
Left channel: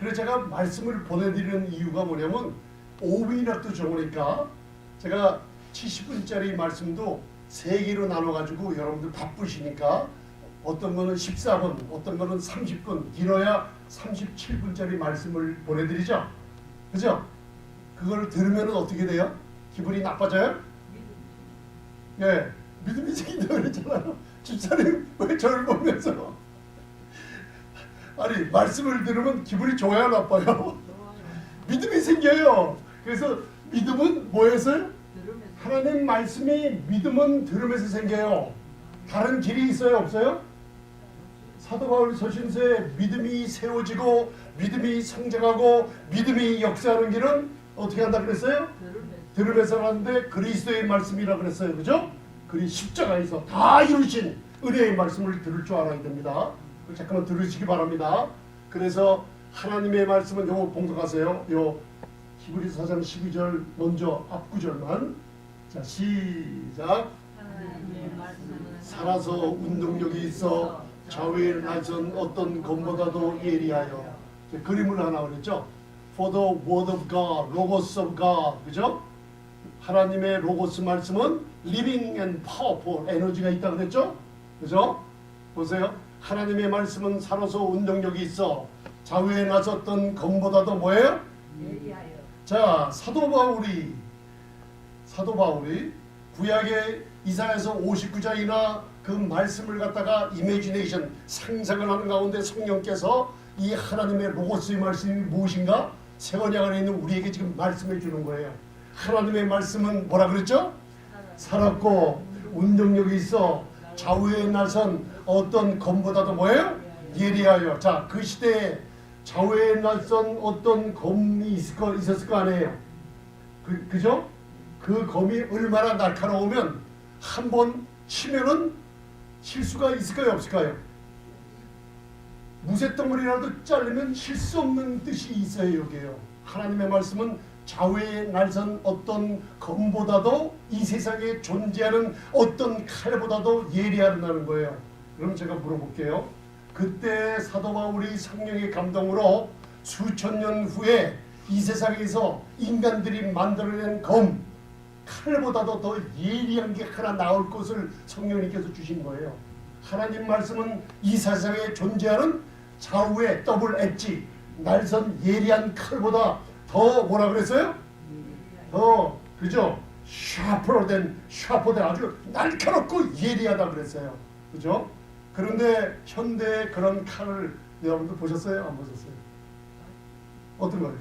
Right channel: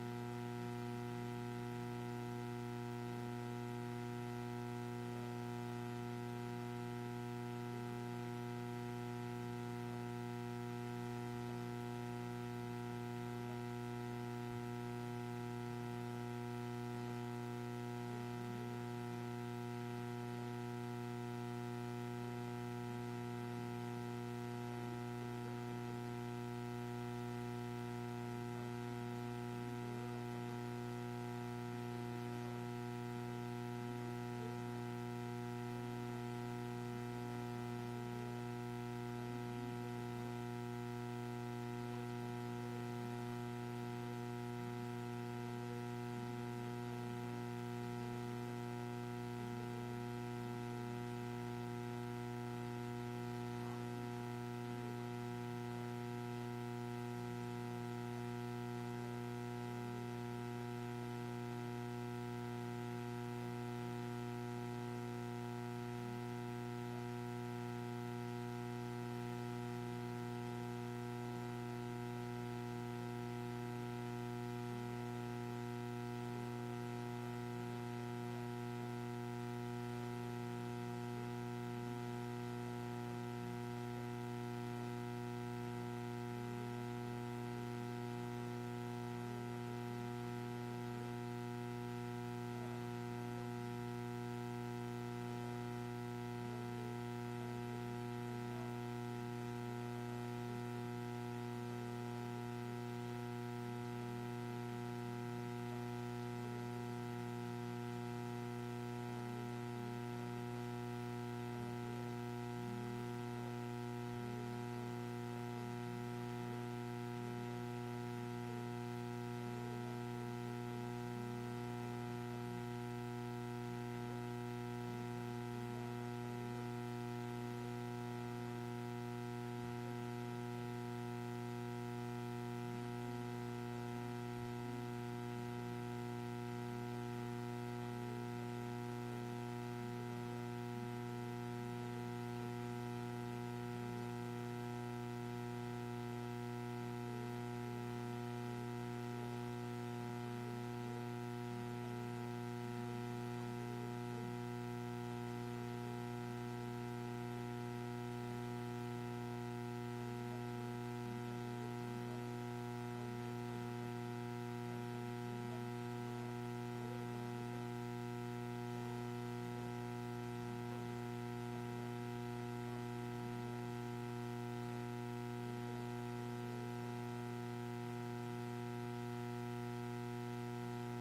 그래서 제가 말씀을 보내드리는 이유가 뭐냐면 5분이라도 적으니까 제가 70분짜리 말씀도 3개로 나눠가지고 여러분들 바쁘시니까 어떤 거는 14분, 어떤 거는 30분, 길어야 37분짜리 말씀을 보내드리죠. 그죠? 그걸 들으면 어떻게 돼요? 기분이 나빠져요? 예, 믿음이 생긴다고 그랬잖아요. 집사님 왜 저를 보면서 아니 말씀을 들으면 기분이 좋아요 나빠요? 믿음이 생겨요. 그래서 믿음은 뭐에서요? 하나님 말씀이 믿음은 들으면서 생겨요. 다른 길이 있어요 없어요? 사도 바울 서신서에 믿음이 세워지고 믿음이 성장하고 믿음이 역사하는 길은 어떻게 한다 그랬어요? 들으면서 하는데 그리스도의 말씀이라 그랬어요. 그죠? 그리 십자가에서 다 이루신 은혜의 말씀을 들을 줄 알아야 됩니다. 잠깐만 들으시기 바랍니다. 그래서 하나님의 말씀은 요거 봉독하세요. 요 히브리서 4장 12절 먼저 앞구절만. 자 시작. 살아서 운동력이 있어 좌우에 낮은 어떤 것보다도 예리하여. 그림을 하나 그랬죠. For the word of God, logos of God. 그죠? 하나님의 로고스 말씀은 living and powerful 에너지가 있다 그랬죠? 그죠? 보세요. 하나님의 말씀은 살아서 운동력이 있어 좌우에 나섰던 검보다도 뭐예요? 자, 사도 바울이 구약의 이사야서 59장이나 그 말씀을 갖다가 이미지네이션 상상을 하는 가운데 성령께서 이 하나님의 로고스의 말씀이 무엇인가 새언약안에 있는 우리에게 지금 말씀해 주는 거예요. 하나님의 말씀은 뭐라 그랬죠? 살았고 운동력이 있어 좌우에 나선 어떤 검보다도 뭐예요? 예리하여. 자, 그 시대에 좌우에 나선 어떤 검이 있었을 거 아니에요? 그죠? 그 검이 얼마나 날카로우면 한 번 치면은 실수가 있을까요 없을까요? 무쇠덩어리라도 자르면 실수 없는 뜻이 있어요. 여기에요. 하나님의 말씀은 좌우에 날선 어떤 검보다도 이 세상에 존재하는 어떤 칼보다도 예리하다는 거예요. 그럼 제가 물어볼게요. 그때 사도 바울이 성령의 감동으로 수천 년 후에 이 세상에서 인간들이 만들어낸 검 칼보다도 더 예리한 게 하나 나올 것을 성령님께서 주신 거예요. 하나님 말씀은 이 세상에 존재하는 좌우에 더블 엣지 날선 예리한 칼보다 더 뭐라 그랬어요? 더 그죠? 샤프된 아주 날카롭고 예리하다 그랬어요. 그죠? 그런데 현대 그런 칼을 여러분들 보셨어요? 안 보셨어요? 어떤 거예요?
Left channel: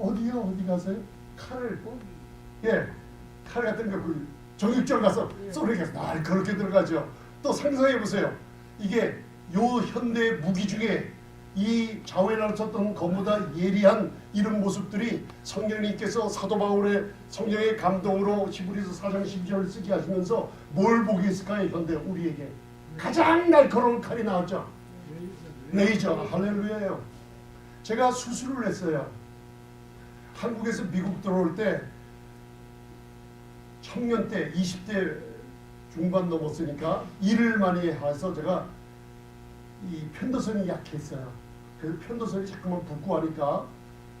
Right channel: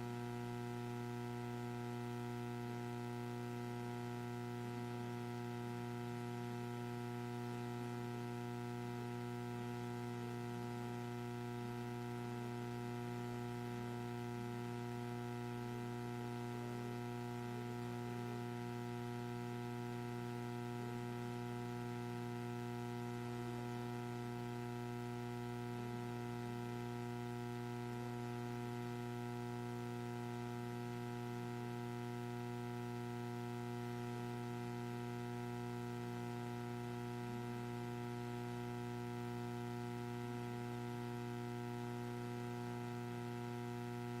어디요? 어디 가세요? 칼을 예, 칼 같은 거 정육점 가서 쏘리가 날카롭게 들어가죠. 또 상상해 보세요. 이게 요 현대 무기 중에 이 좌우에 나섰던 것보다 예리한 이런 모습들이 성령님께서 사도 바울의 성령의 감동으로 히브리서 4장 12절을 쓰게 하시면서 뭘 보게 했을까요? 현대 우리에게 가장 날카로운 칼이 나왔죠. 레이저. 할렐루야예요. 제가 수술을 했어요. 한국에서 미국 들어올 때 청년 때 20대 중반 넘었으니까 일을 많이 해서 제가 이 편도선이 약했어요. 그 편도선이 자꾸만 붓고 하니까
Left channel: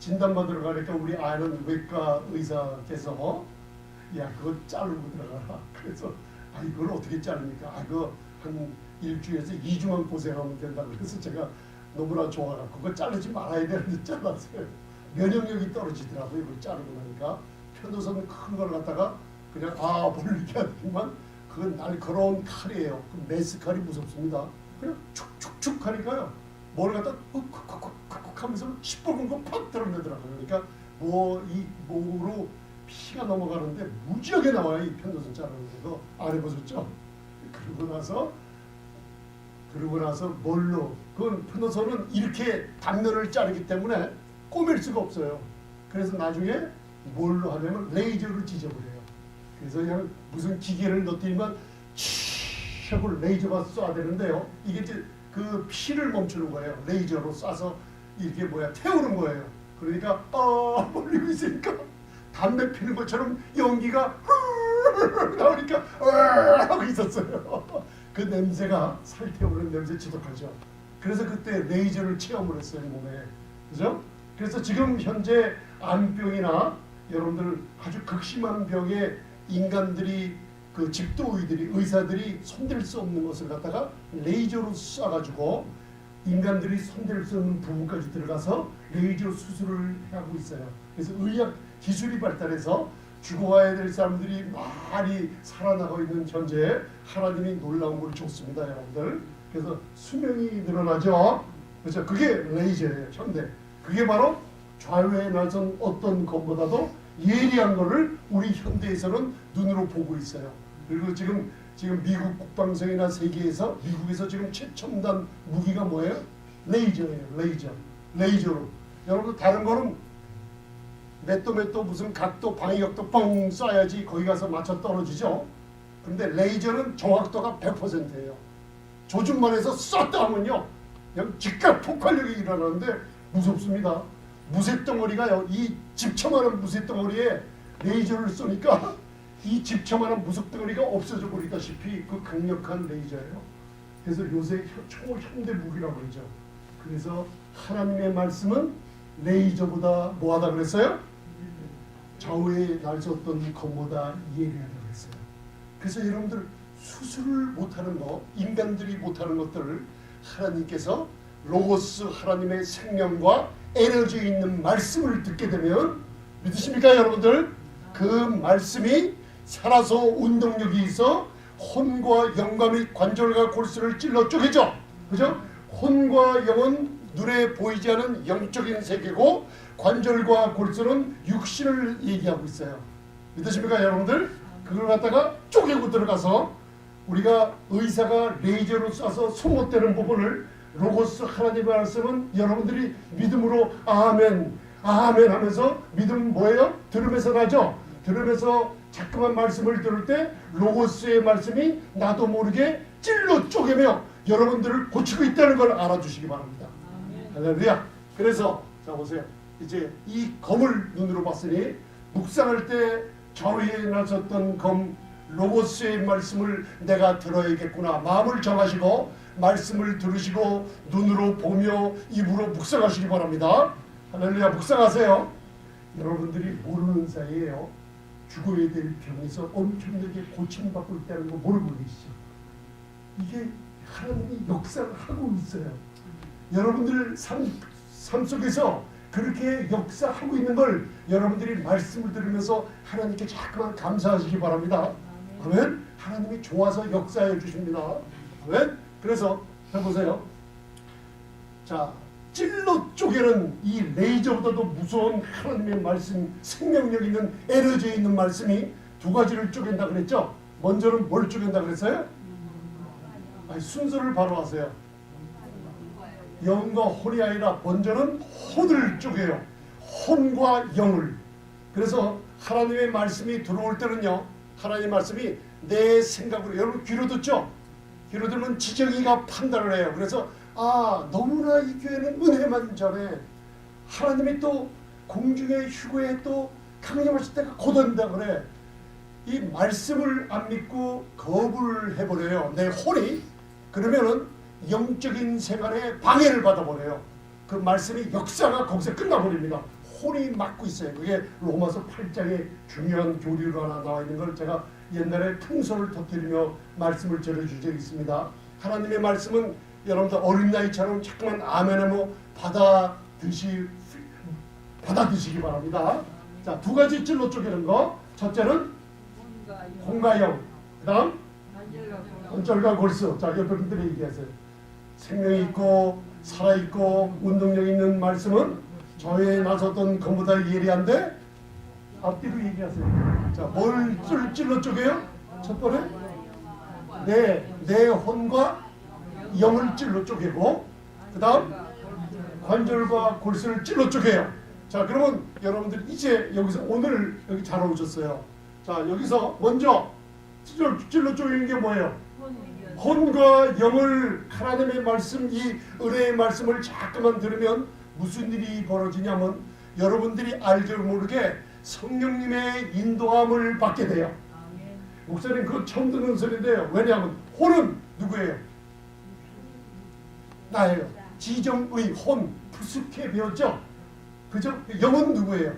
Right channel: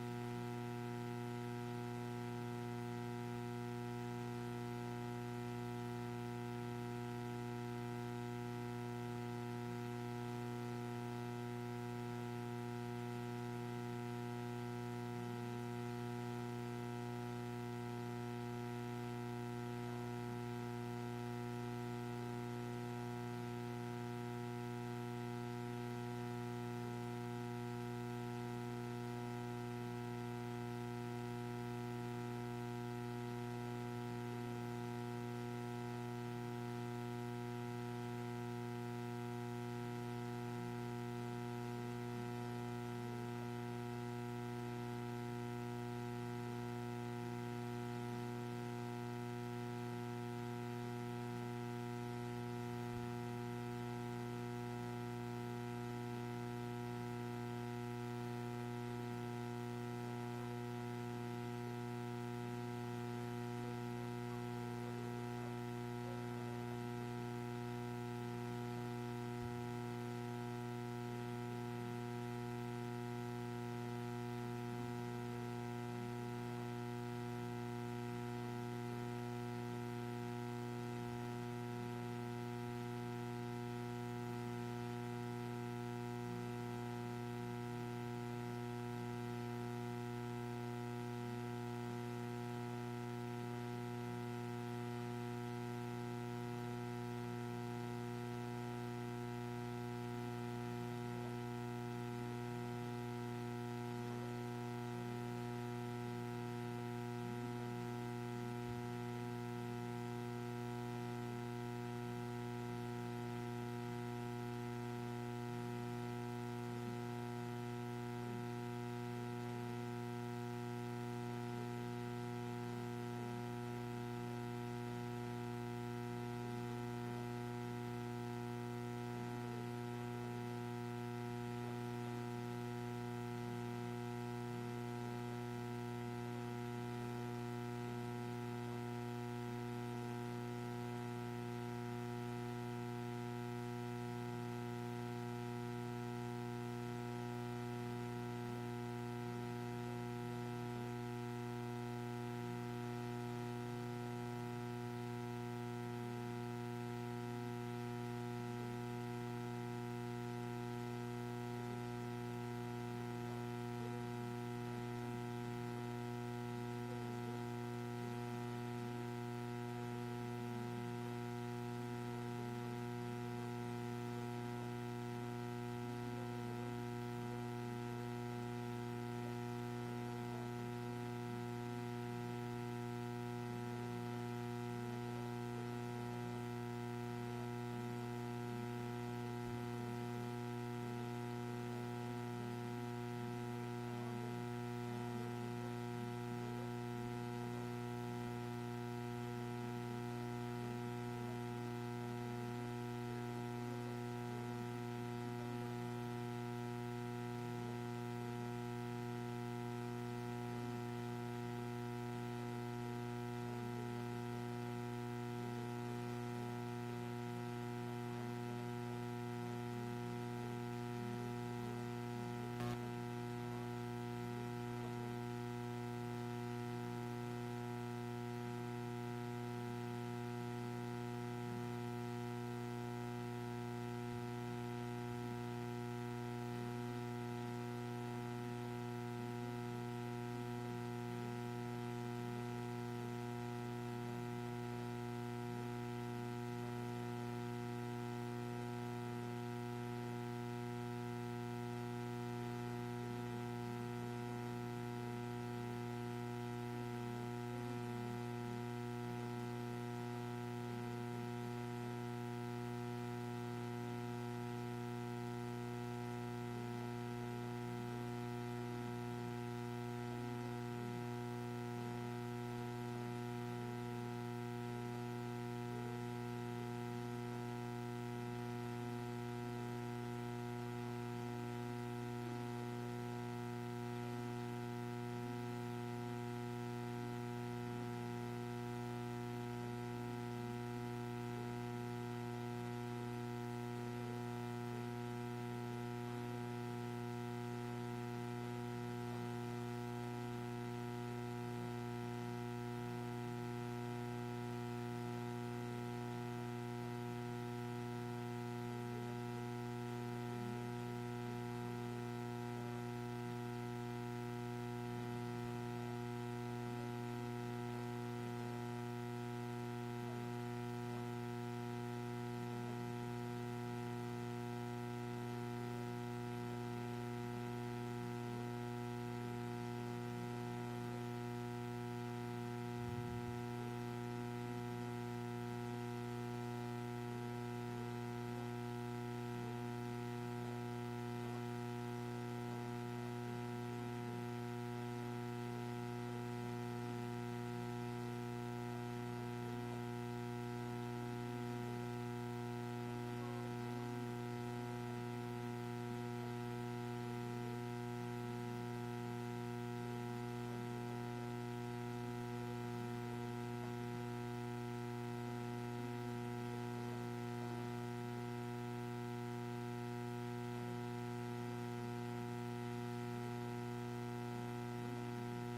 진단받으러 가니까 우리 아는 외과 의사께서 야 그거 자르고 들어가라. 그래서 이걸 어떻게 자릅니까? 그거 한 일주일에서 2주만 고생하면 된다. 그래서 제가 너무나 좋아가지고 그거 자르지 말아야 되는데 잘랐어요. 면역력이 떨어지더라고요. 이거 자르고 나니까 편도선 큰 걸 갖다가 그냥 뭘 이렇게 하지만 그건 날카로운 칼이에요. 그 메스 칼이 무섭습니다. 그냥 축축축 하니까요. 뭘 갖다 쿡쿡쿡쿡 하면서 시뻘건 거 팍 들어내더라고요. 그러니까 이 몸으로 피가 넘어가는데 무지하게 나와요. 이 편도선 자르면서 안 해보셨죠? 그러고 나서 뭘로 그건 편도선은 이렇게 단면을 자르기 때문에 꼬맬 수가 없어요. 그래서 나중에 뭘로 하냐면 레이저로 찢어버려요. 그래서 그냥 무슨 기계를 넣더니만 촤 레이저가 쏴야 되는데요. 이게 이제 그 피를 멈추는 거예요. 레이저로 쏴서 이게 태우는 거예요. 그러니까 멀리고 있으니까 담배 피는 것처럼 연기가 나오니까 하고 있었어요. 그 냄새가 살태우는 냄새 지독하죠. 그래서 그때 레이저를 체험을 했어요. 몸에. 그죠? 그래서 지금 현재 암병이나 여러분들 아주 극심한 병에 인간들이 그 집도의들이 의사들이 손댈 수 없는 것을 갖다가 레이저로 쏴가지고 인간들이 손댈 수 없는 부분까지 들어가서 레이저 수술을 하고 있어요. 그래서 의학 기술이 발달해서 죽어가야 될 사람들이 많이 살아나고 있는 현재 하나님이 놀라운 걸 줬습니다, 여러분들. 그래서 수명이 늘어나죠. 그래서 그게 레이저예요, 현대. 그게 바로 좌우에 나선 어떤 것보다도 예리한 거를 우리 현대에서는 눈으로 보고 있어요. 그리고 지금 미국 국방성이나 세계에서 미국에서 지금 최첨단 무기가 뭐예요? 레이저예요. 레이저로. 여러분 다른 거는 맷도 무슨 각도 방위각도 뻥 쏴야지 거기 가서 맞춰 떨어지죠. 근데 레이저는 정확도가 100%예요. 조준만 해서 쐈다 하면요 그냥 즉각 폭발력이 일어나는데 무섭습니다. 무쇠덩어리가요, 이 집처만한 무쇠덩어리에 레이저를 쏘니까 이 집처만한 무쇠덩어리가 없어져 버리다시피 그 강력한 레이저예요. 그래서 요새 초현대 무기라고 그러죠. 그래서 하나님의 말씀은 레이저보다 뭐하다 그랬어요? 좌우에 날섰던 것보다 예리하다고 그랬어요. 그래서 여러분들 수술을 못하는 거, 인간들이 못하는 것들을 하나님께서 로고스 하나님의 생명과 에너지 있는 말씀을 듣게 되면 믿으십니까 여러분들? 그 말씀이 살아서 운동력이 있어 혼과 영과 및 관절과 골수를 찔러 쪼개죠. 그죠? 혼과 영은 눈에 보이지 않은 영적인 세계고 관절과 골수는 육신을 얘기하고 있어요. 믿으십니까 여러분들? 그걸 갖다가 쪼개고 들어가서 우리가 의사가 레이저로 쏴서 소못되는 부분을 로고스 하나님의 말씀은 여러분들이 믿음으로 아멘 아멘 하면서 믿음 뭐예요? 들으면서 나죠? 들으면서 자꾸만 말씀을 들을 때 로고스의 말씀이 나도 모르게 찔러 쪼개며 여러분들을 고치고 있다는 걸 알아주시기 바랍니다. 할렐루야. 그래서 자 보세요. 이제 이 검을 눈으로 봤으니 묵상할 때 좌우에 나섰던 검 로고스의 말씀을 내가 들어야겠구나. 마음을 정하시고 말씀을 들으시고 눈으로 보며 입으로 묵상하시기 바랍니다. 할렐루야. 묵상하세요. 여러분들이 모르는 사이에요. 죽어야 될 병에서 엄청나게 고침받고 있다는 거 모르고 계시죠. 이게 하나님이 역사를 하고 있어요. 여러분들 삶 속에서 그렇게 역사하고 있는 걸 여러분들이 말씀을 들으면서 하나님께 자꾸만 감사하시기 바랍니다. 아멘. 하나님이 좋아서 역사해 주십니다. 아멘. 그래서 해보세요. 자, 찔러 쪼개는 이 레이저보다도 무서운 하나님의 말씀, 생명력 있는 에너지 있는 말씀이 두 가지를 쪼갠다 그랬죠. 먼저는 뭘 쪼갠다 그랬어요? 아니, 순서를 바로 하세요. 영과 혼이 아니라 먼저는 혼을 쪼개요. 혼과 영을. 그래서 하나님의 말씀이 들어올 때는요, 하나님의 말씀이 내 생각으로, 여러분 귀로 듣죠? 귀로 들으면 지정이가 판단을 해요. 그래서 너무나 이 교회는 은혜만 전해. 하나님이 또 공중의 휴거에 또 강림하실 때가 곧 온다 그래. 이 말씀을 안 믿고 거부를 해버려요. 내 혼이. 그러면은 영적인 생활에 방해를 받아버려요. 그 말씀이 역사가 거기서 끝나버립니다. 혼이 막고 있어요. 그게 로마서 8장에 중요한 교리로 하나 나와 있는 걸 제가 옛날에 풍선을 터뜨리며 말씀을 전해준 적이 있습니다. 하나님의 말씀은 여러분들 어린 나이처럼 자꾸만 아멘하며 받아드시기 바랍니다. 자, 두 가지 찔러 쪼개는 거. 첫째는 혼과 영. 그 다음 관절과 골수. 자, 여러분들이 얘기하세요. 생명이 있고 살아있고 운동력 있는 말씀은 저에 나섰던 것보다 예리한데 앞뒤로 얘기하세요. 자, 뭘 찔러 쪼개요? 첫 번에 내 혼과 영을 찔러 쪼개고, 그 다음 관절과 골수를 찔러 쪼개요. 자, 그러면 여러분들 이제 여기서 오늘 여기 잘 오셨어요. 자, 여기서 먼저 찔러 쪼개는 게 뭐예요? 혼과 영을, 하나님의 말씀, 이 은혜의 말씀을 자꾸만 들으면 무슨 일이 벌어지냐면 여러분들이 알게 모르게 성령님의 인도함을 받게 돼요. 목사님 그거 처음 듣는 소리인데요. 왜냐하면 혼은 누구예요? 나예요. 지정의 혼, 푸스케 배웠죠? 그죠? 영은 누구예요?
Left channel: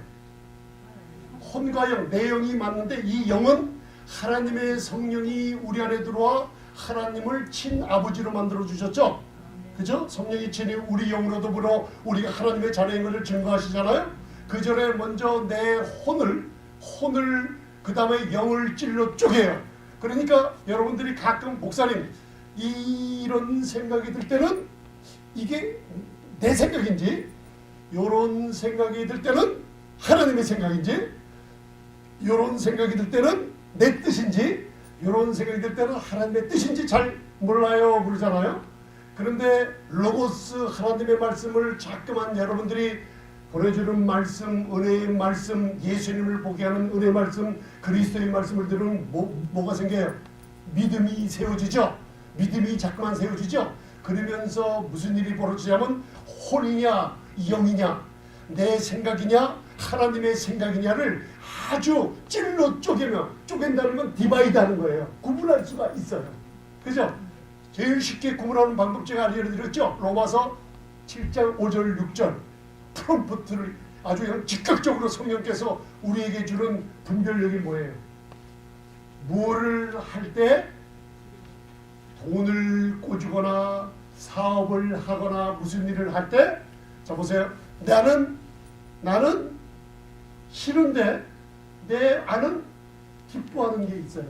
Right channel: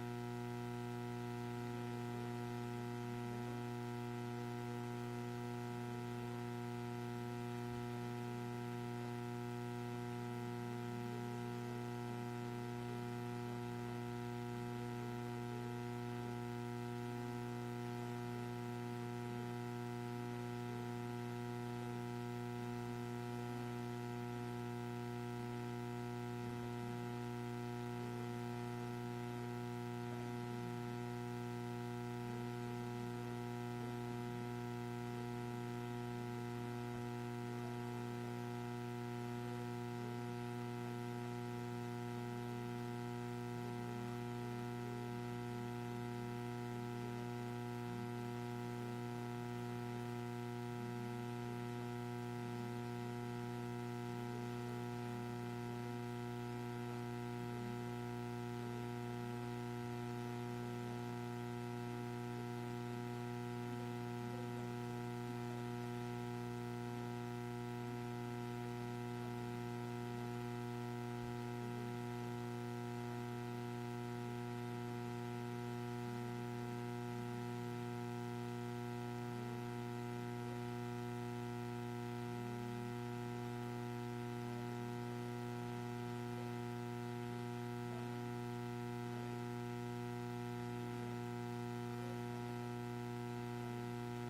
혼과 영, 내 영이 맞는데 이 영은 하나님의 성령이 우리 안에 들어와 하나님을 친아버지로 만들어 주셨죠? 그죠? 성령이 친히 우리 영으로 더불어 우리가 하나님의 자녀인 것을 증거하시잖아요. 그 전에 먼저 내 혼을 그 다음에 영을 찔러 쪼개요. 그러니까 여러분들이 가끔 목사님 이런 생각이 들 때는 이게 내 생각인지, 요런 생각이 들 때는 하나님의 생각인지, 요런 생각이 들 때는 내 뜻인지, 요런 생각이 들 때는 하나님의 뜻인지 잘 몰라요 그러잖아요. 그런데 로고스 하나님의 말씀을 자꾸만 여러분들이 보내주는 말씀, 은혜의 말씀, 예수님을 보게 하는 은혜의 말씀, 그리스도의 말씀을 들으면 뭐가 생겨요? 믿음이 세워지죠. 믿음이 자꾸만 세워지죠. 그러면서 무슨 일이 벌어지냐면 혼이냐 영이냐 내 생각이냐 하나님의 생각이냐를 아주 찔러 쪼갠다는 건 디바이드 하는 거예요. 구분할 수가 있어요. 그죠? 제일 쉽게 구분하는 방법 제가 알려드렸죠. 로마서 7장 5절 6절 프롬프트를 아주 그냥 즉각적으로 성령께서 우리에게 주는 분별력이 뭐예요? 무엇을 할 때 돈을 꿔주거나 사업을 하거나 무슨 일을 할 때, 자 보세요. 나는 싫은데 내 안은 기뻐하는 게 있어요.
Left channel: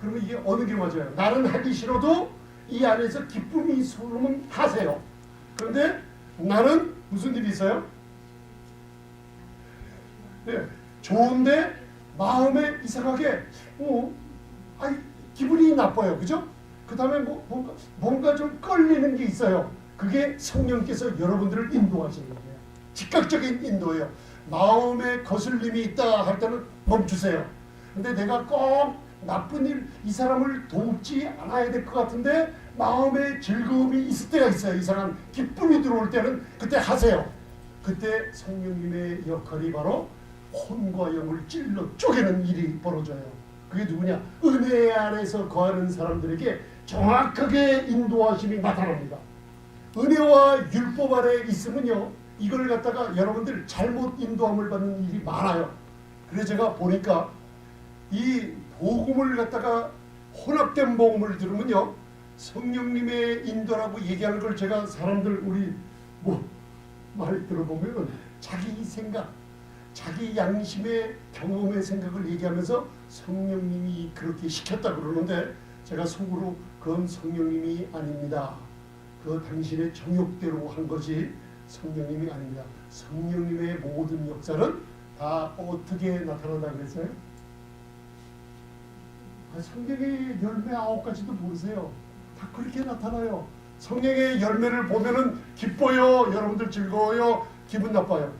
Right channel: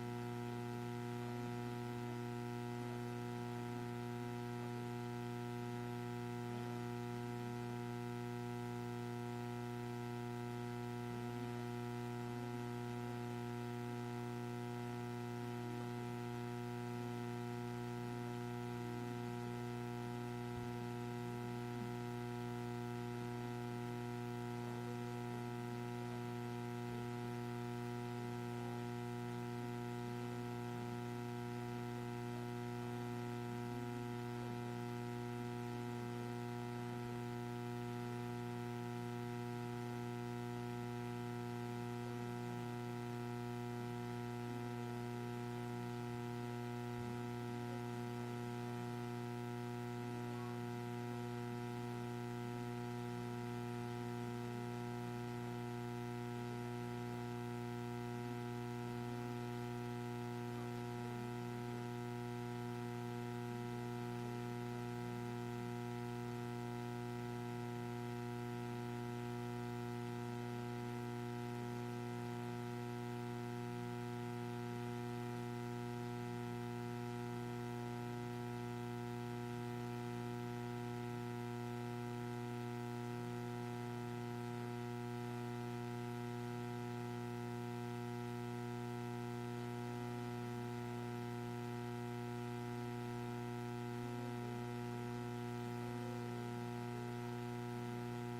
그러면 이게 어느 게 맞아요? 나는 하기 싫어도 이 안에서 기쁨이 솟으면 하세요. 그런데 나는 무슨 일이 있어요? 네, 좋은데 마음에 이상하게 기분이 나빠요. 그죠? 그 다음에 뭔가 좀 끌리는 게 있어요. 그게 성령께서 여러분들을 인도하시는 거예요. 즉각적인 인도예요. 마음에 거슬림이 있다 할 때는 멈추세요. 근데 내가 꼭 나쁜 일, 이 사람을 돕지 않아야 될 것 같은데 마음에 즐거움이 있을 때가 있어요. 이상한 기쁨이 들어올 때는 그때 하세요. 그때 성령님의 역할이 바로 혼과 영을 찔러 쪼개는 일이 벌어져요. 그게 누구냐? 은혜 안에서 거하는 사람들에게 정확하게 인도하심이 나타납니다. 은혜와 율법 안에 있으면요, 이걸 갖다가 여러분들 잘못 인도함을 받는 일이 많아요. 그래서 제가 보니까 이 복음을 갖다가 혼합된 복음을 들으면요, 성령님의 인도라고 얘기하는 걸 제가 사람들 우리 말 들어보면 자기 생각, 자기 양심의 경험의 생각을 얘기하면서 성령님이 그렇게 시켰다 그러는데, 제가 속으로 그건 성령님이 아닙니다. 그 당신의 정욕대로 한 것이 성령님이 아닙니다. 성령님의 모든 역사는 다 어떻게 나타난다 그랬어요? 성령의 열매 9가지도 모르세요. 다 그렇게 나타나요. 성령의 열매를 보면은 기뻐요. 여러분들 즐거워요. 기분 나빠요.